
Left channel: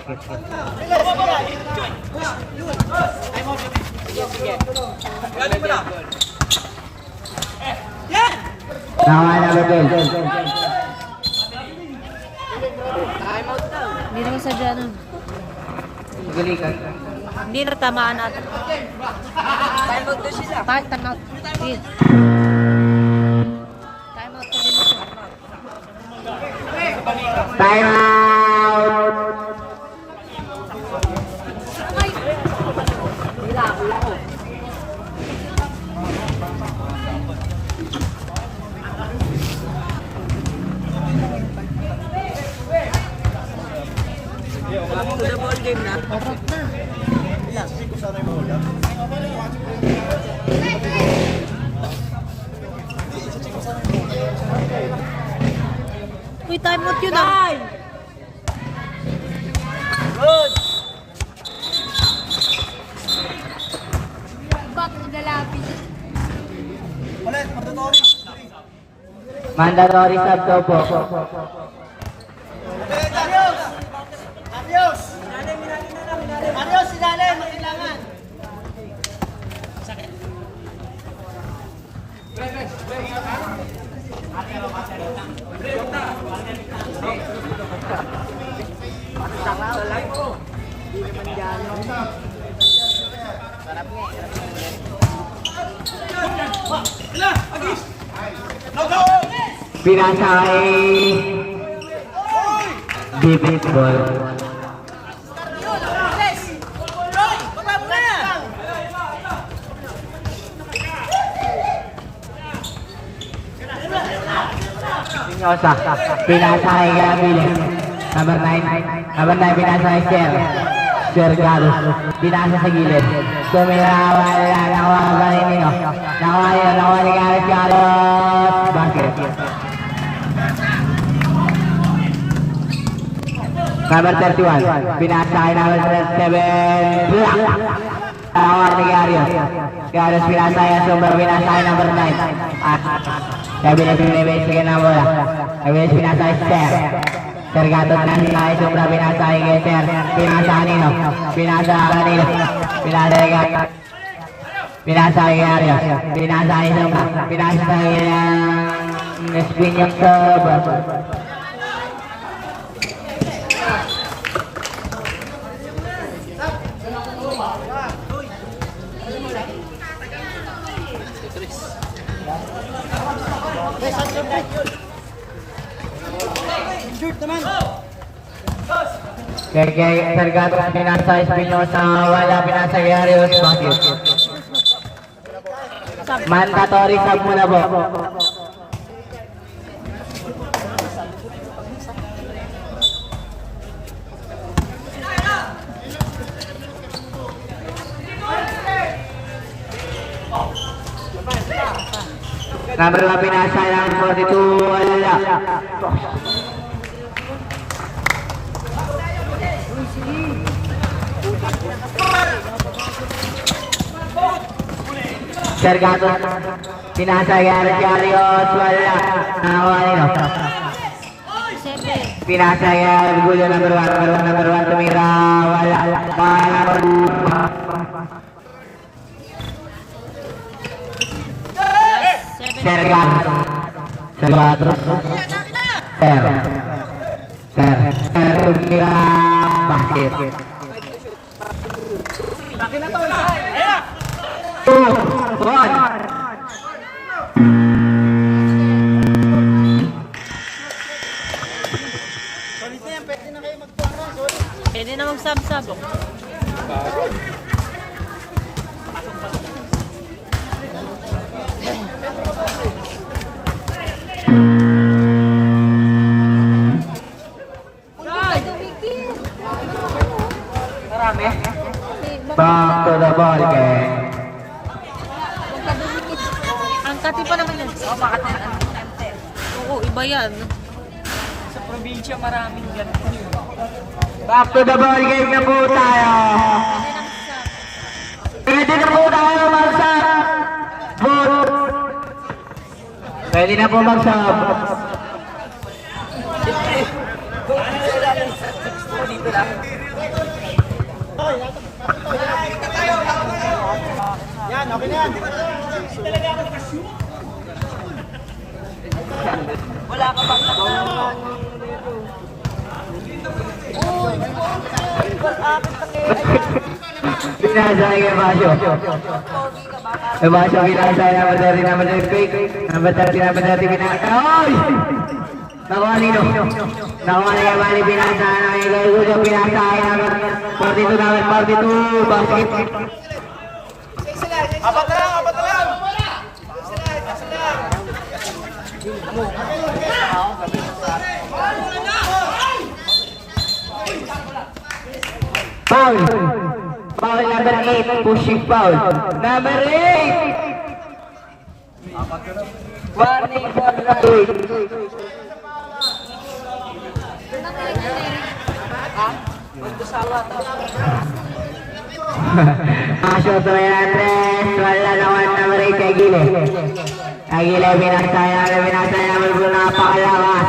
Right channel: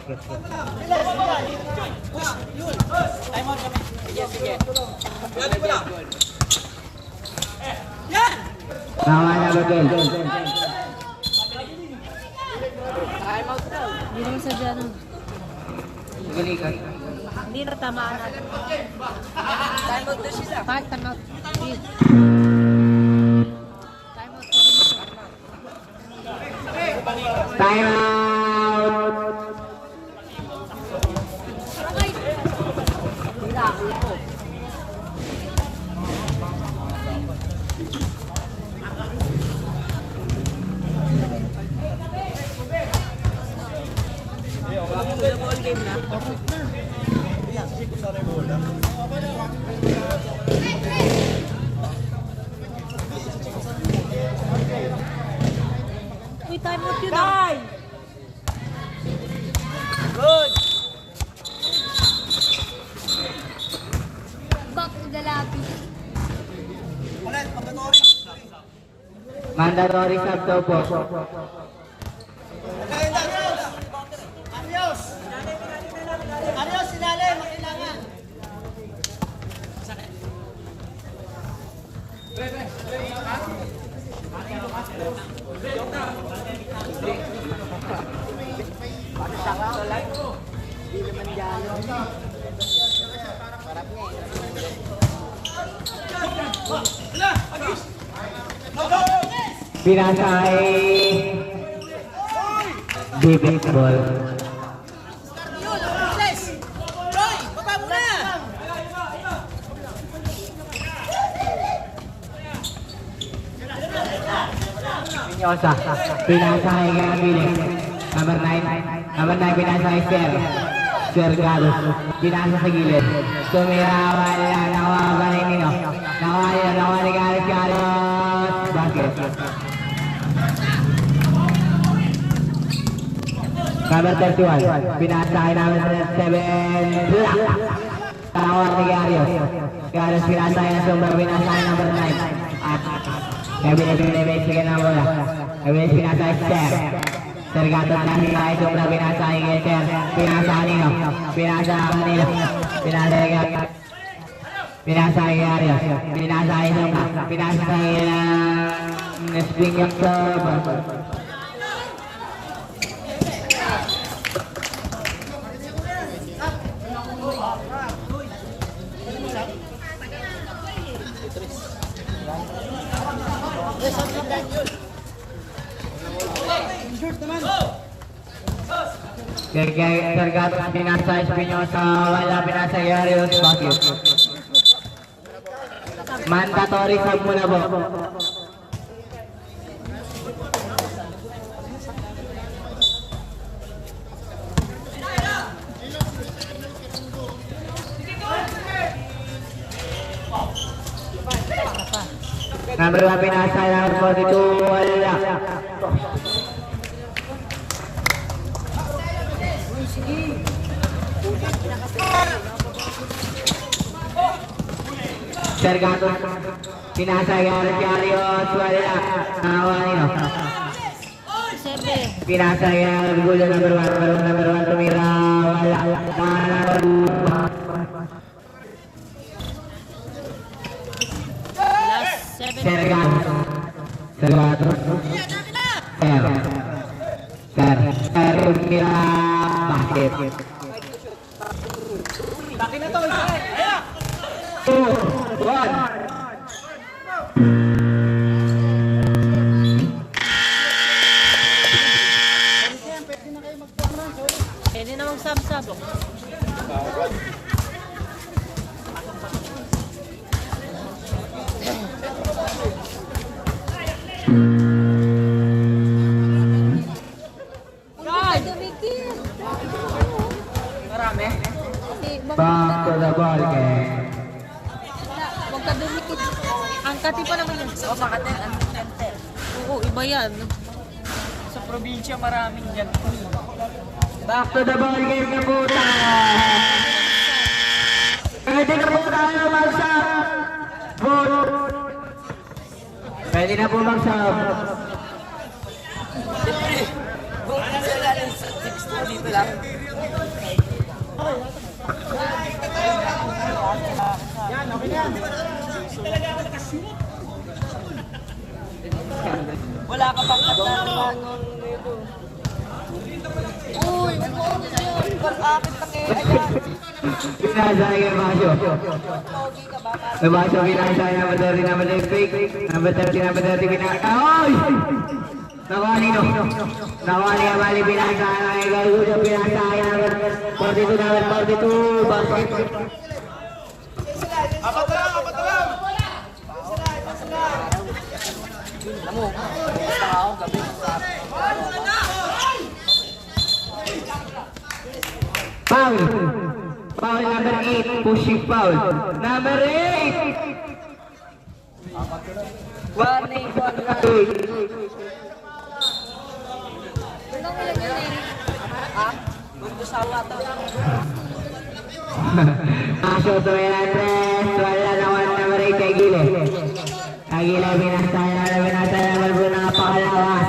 Nakuha number 12. Hindi rin sa dyan. Galikan. Hindi na tamaan natin. Time out na sila. Time out. Please. Time out! Welcome to the ball game na. Uy, time out yun ah. Good. Back to the lobby. Mandatory sub daw po. Arios, ilalim, kailangan. Pinasa kay defense ball. Sinyosa, pinasa kay Gavile. Number 9, pinasa kay Sergatus. Pinasa sa gilid. Nakuha ni Carlos. Basket. Number 31, pinasa kay number 7. Nakuha ni Carlos. Pinasa kay Sombra, pinasa kay number 9. Gavile pinibasigan na bola. Gavile pinasa kay Sergatus na kay Sombra, pinasa kay Ser. Pinasa kanino? Pinasa kanino? Pinasa kay Arios. Pinasa kay Sombra. Pinasa kay spin yung serve. Sergato pinasa Espinosa, wala pinasa Arios, bakit? Mandatory sub muna po. Number 1 pinasa, number 42, wala. Sergato pinasa Arios, wala. Nakakuha nino. Pinasa Orgulyo number 1 tumira, wala. Sergato tumira, basket. Bakit na to? Ayan! 2, 1. Pwede na mag-sub-sub. Marami. Back to the ball game. Huwag ka dumikit. Ang kati pa naman yan. Oo, Makati. Ante. Oo, iba yan. Sa probinsya maraming ganito. Back to the ball game na po tayo. Pwede na po tayo mag-sub. Pwede na po mag-sub. Siyempre, kung sila lang sa 6 dito lang. Yan, okay na yan. Di ba? Talaga ako nakashoot. Wala ka bang Pinasa kay Basyo. Basyo pinasa number 30 number 30 pinasa. Oy! Nakuha nino. Nakuha ni Kamali pinasa kay Orgulyo pinasa kay number 42 number 42 basket. Apat na lang! Foul. Foul number 8, pushing foul. Number 8. warning for right? Ha? Magkasawa to. Masuk to yan, wala naman number 8 kay Gile. Kay Gile, binasaya, berbunga napakalawas.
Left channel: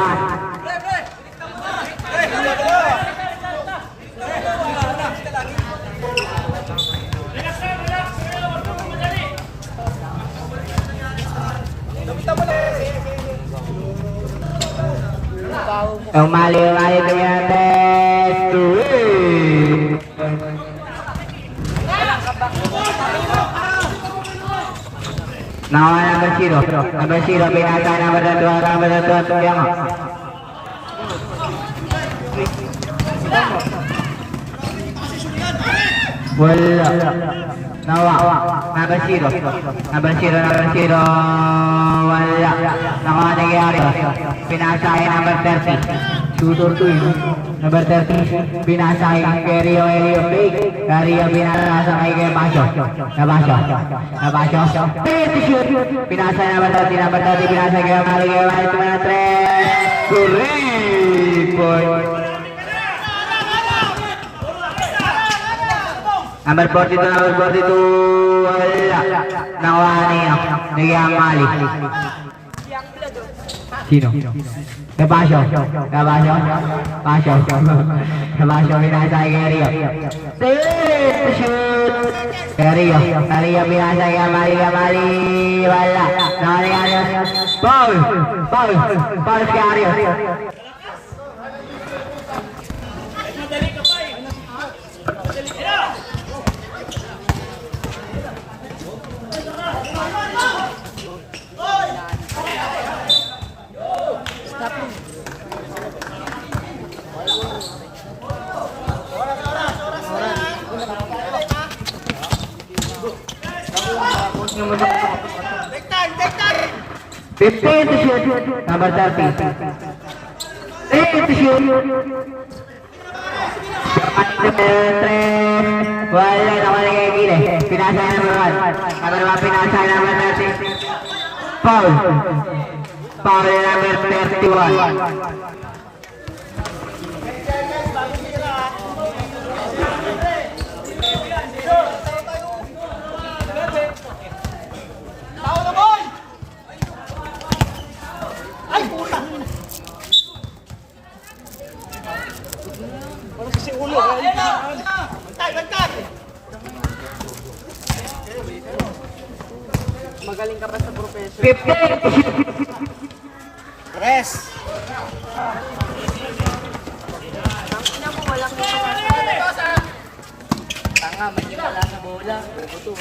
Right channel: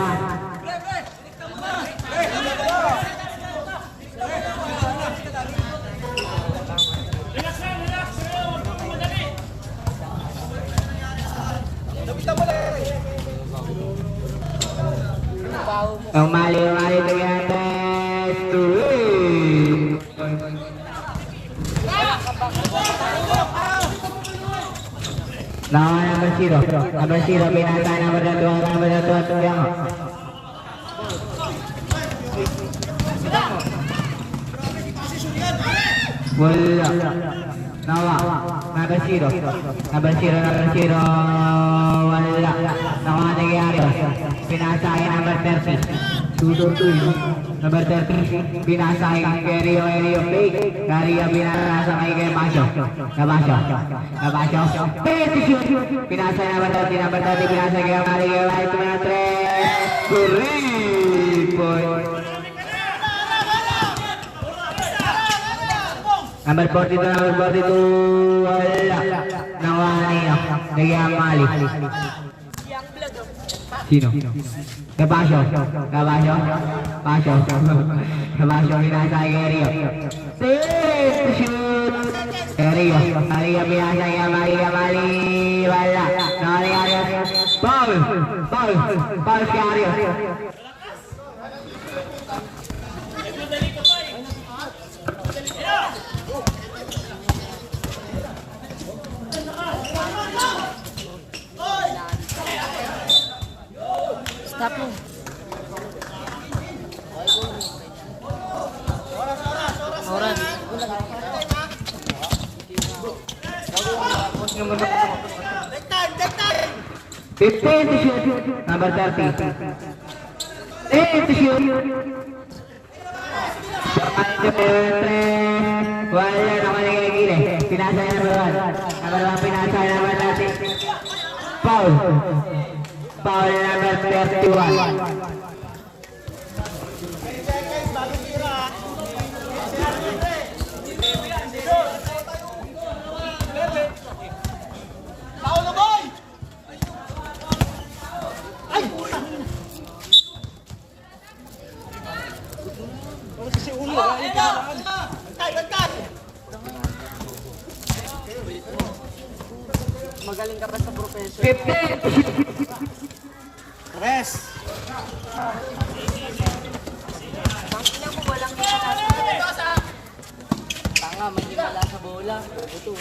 Ang mali to yan, Nawa number 0, binasa number 2, tuyang. Wala. Nawa, number 0, wala. Nakuha nangyari. Pinasa ay number 30. Tutor to yun. Number 30, binasa ay Rio fake. Rio binasa ay kay Basyo. Nabasyo. Pinasa ay number 30, binasa kay Mali, 3. Correct point. Number 42, wala. Nakuha niyo. Nagyang Mali. Sino? Nabasyo. Binasa kay Rio. Shoot. Rio binasa kay Mali, wala. Nakuha niyo. Foul kay Arios. 15 to shoot. Number 30. 8 to shoot. Wala na wala kay Gile. Pinasa number 1. Number 1 pinasa number 30. Foul. Foul number 31. Kasi ulo. Bantay! Magaling ka ba sa profession? 15. Rest. Tanga, may himala sa bola. Buto.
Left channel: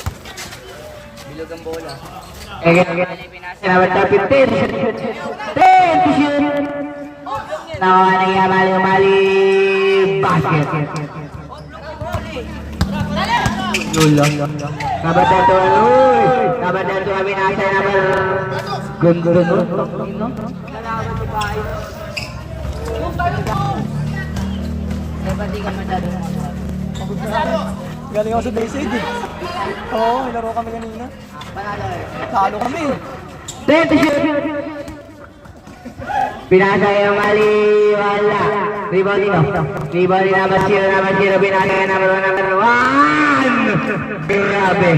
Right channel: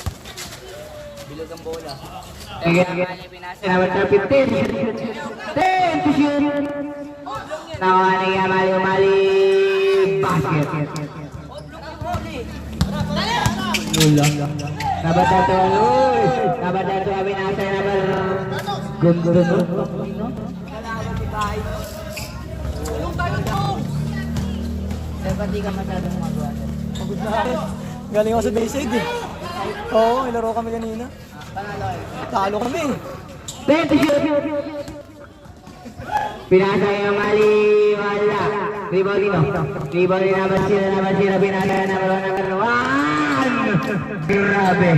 Bilog ang bola. Again. Number 15. 10 to shoot. Nakuha na yung mali. Basket. Nulo. Number 31. Number 31 binasa number Gundo. Dapat di ka masyadong magawa. Galing ako sa Bayside eh. Oo, ilaro kami kanina. Panalo eh. Talo kami. 10 to shoot. Binasa yung mali. Wala. Rebound dito. Rebound din number 0. Binasa yung number 1. Grabe.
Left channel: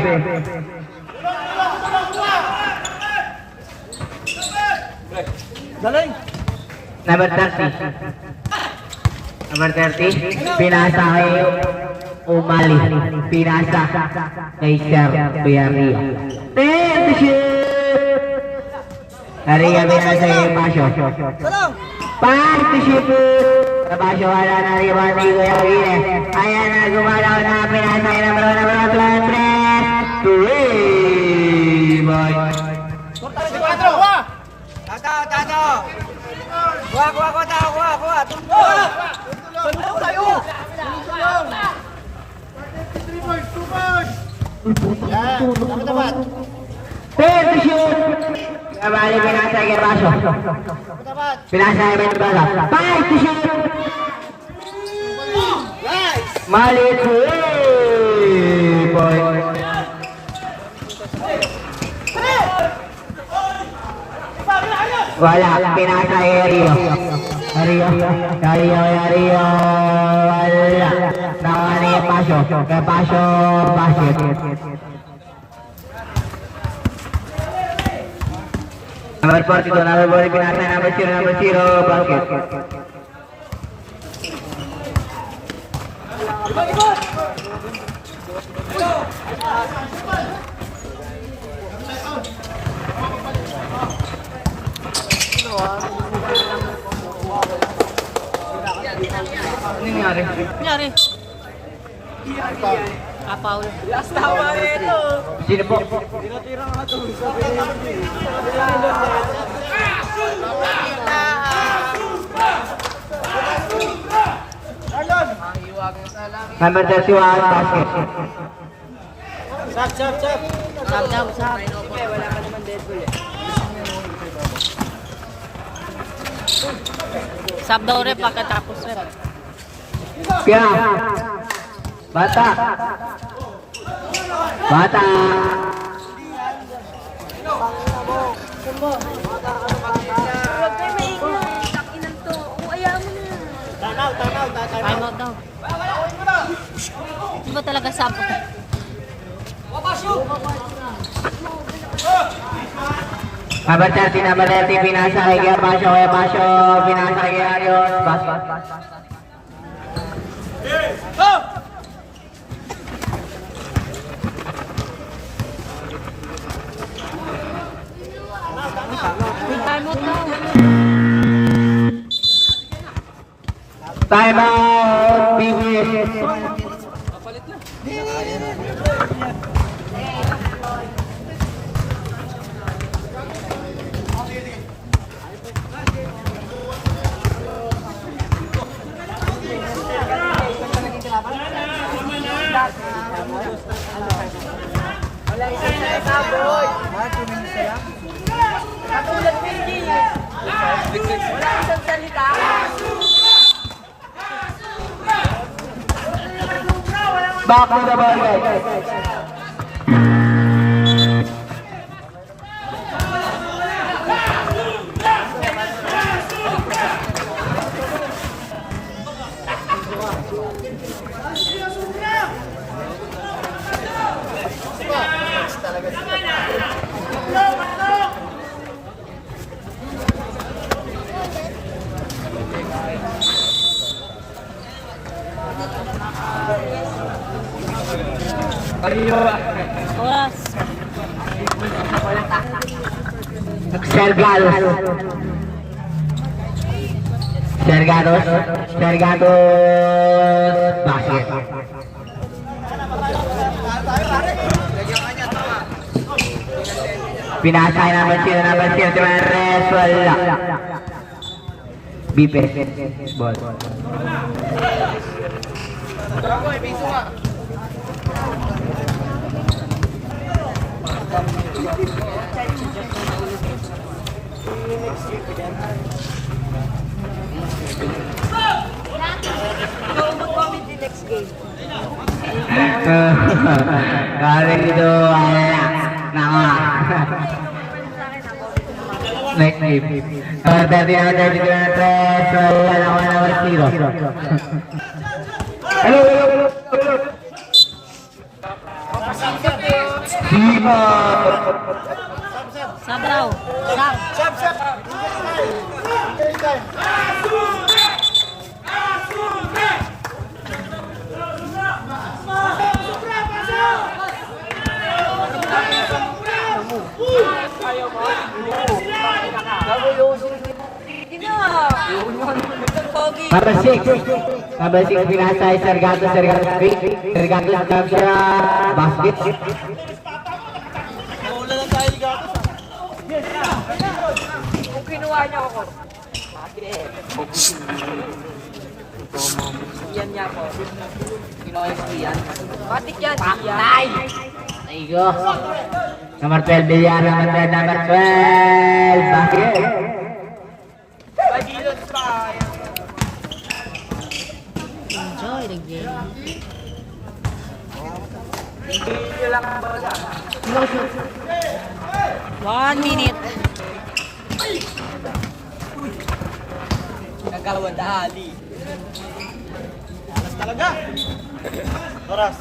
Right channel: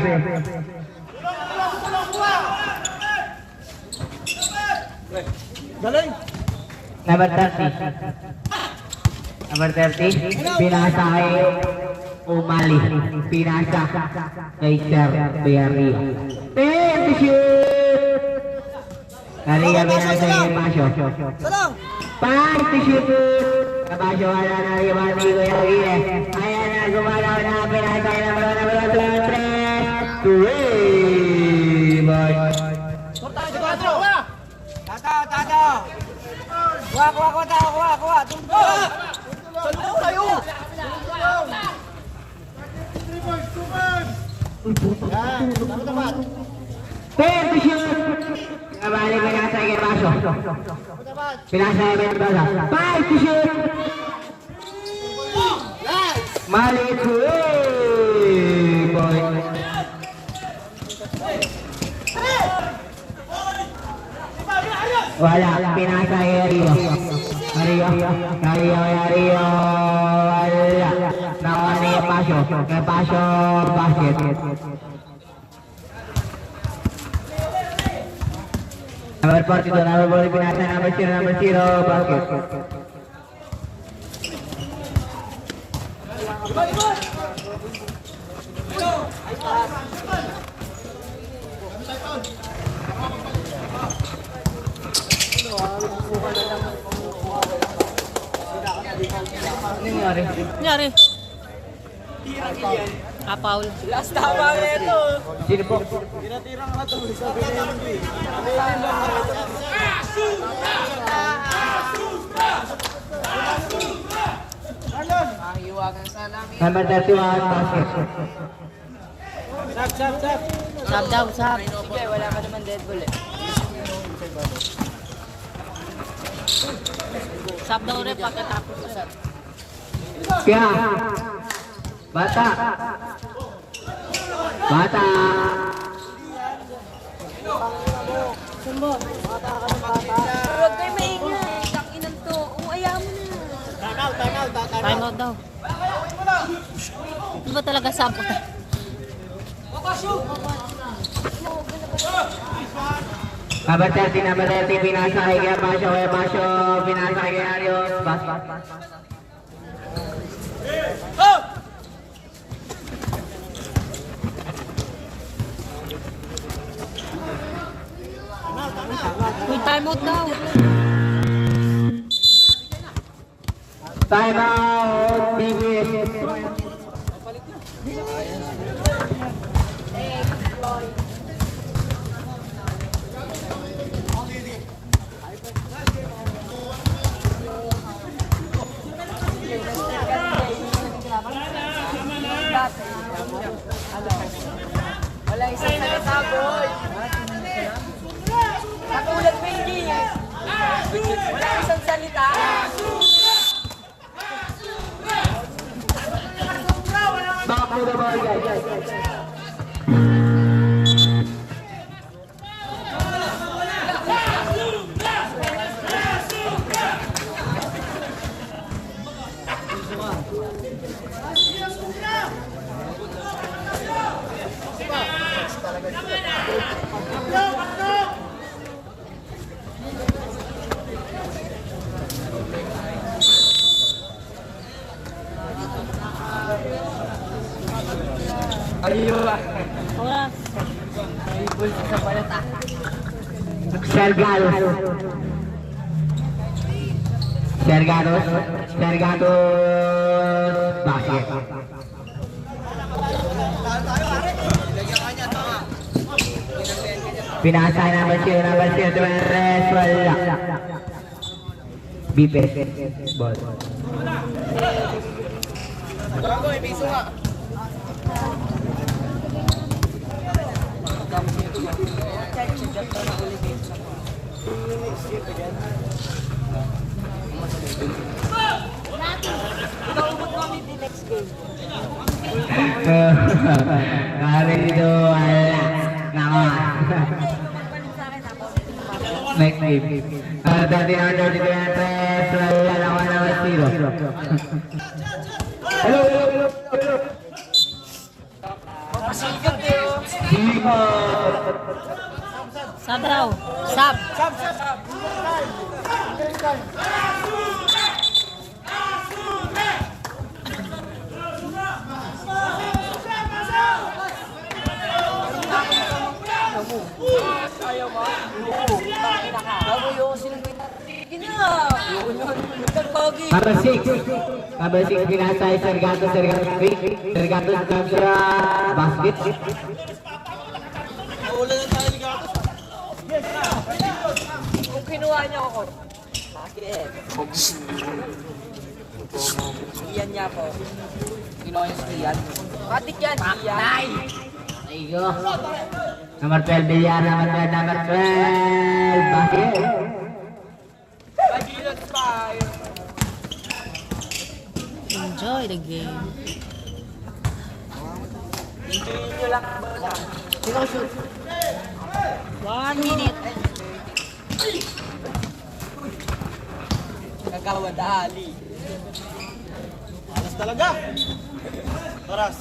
Galing. Number 30. Number 30. Pinasa kay Umali. Pinasa kay Sir Tuyaria. 10 to shoot. Naria binasa kay Pasyo. Salang. 5 to shoot. Sa Pasyo wala na rebound ni Kuya Gile. Ayan na gumalaw na pinasa kay number 1. Rebound. Tato! Kuha, tayo! Ten to shoot. Kabali pinasa kay Pasyo. Pinasa kay Mendoza. 5 to shoot. Mali 3 points. Wala, pinasa kay Rio. Rio. Wala. Nakuha ni Pasyo. Kay Pasyo, basket. Number 42, number 40, pinasa number 0, basket. Ano nangyari? Paul. Last tama ito. Sino po? Number 31, basket. Sab daw, sab. Wala ka naman dead ball eh. Sab daw rin pagkatapos rin. Pia. Bata. Huwag kayo maingay. Takinan to. Ayaw mo na. Time out daw. Di ba talaga sab? Number 30, number 30, pinasa kay Pasyo, pinasa kay Arios. Bas. Time out na. Time out, TBS. Walang isa na sabon. isang salita. Back to the ball, guys. Oras. Sergados. Basket. Pinasay number 0, Timares, wala. Bipes, ball. Kali itu wala. Nama. Next game. Tadi ada di Timares, wala lawan number 0. Hello. Sabraw. Sab. Number 6 pinasay Sergato capture basket. Wala lang tayo ni Gatos. Kung kinuha niya ako. Bakit? Yan niya ako. Kinuha niya si Ian. Batik yan si Ian. Aigo. Number 12 Villar, number 12 basket. Ay, dilot pa. Enjoy the game. Video lang ako sa. 1 minute. Nagkawadali. Oras talaga. Oras.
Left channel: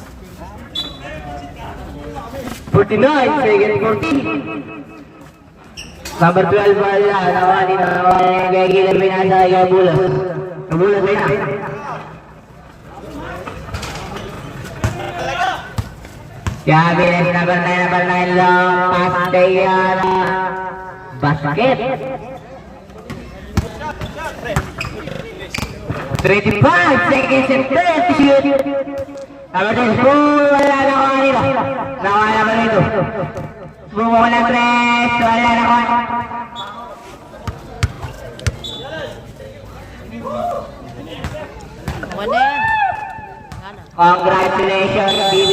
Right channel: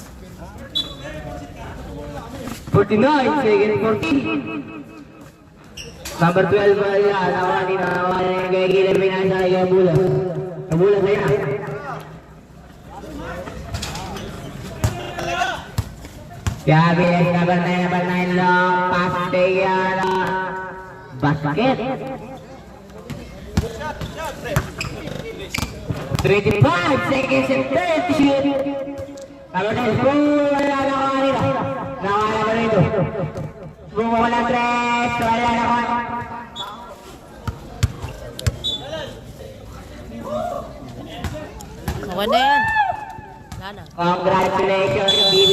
49, second 14. Number 12 wala, nawani na gagawin pinasay Gabulas. Gabulas na. Gabilas number 9 lang, pass kay basket. 35 seconds and 30 shoot. Number 10, wala na ko kanina. Nawala ko nito. Bumuha ng 3, wala na ko. Wala yan. Sana. Congratulations, BB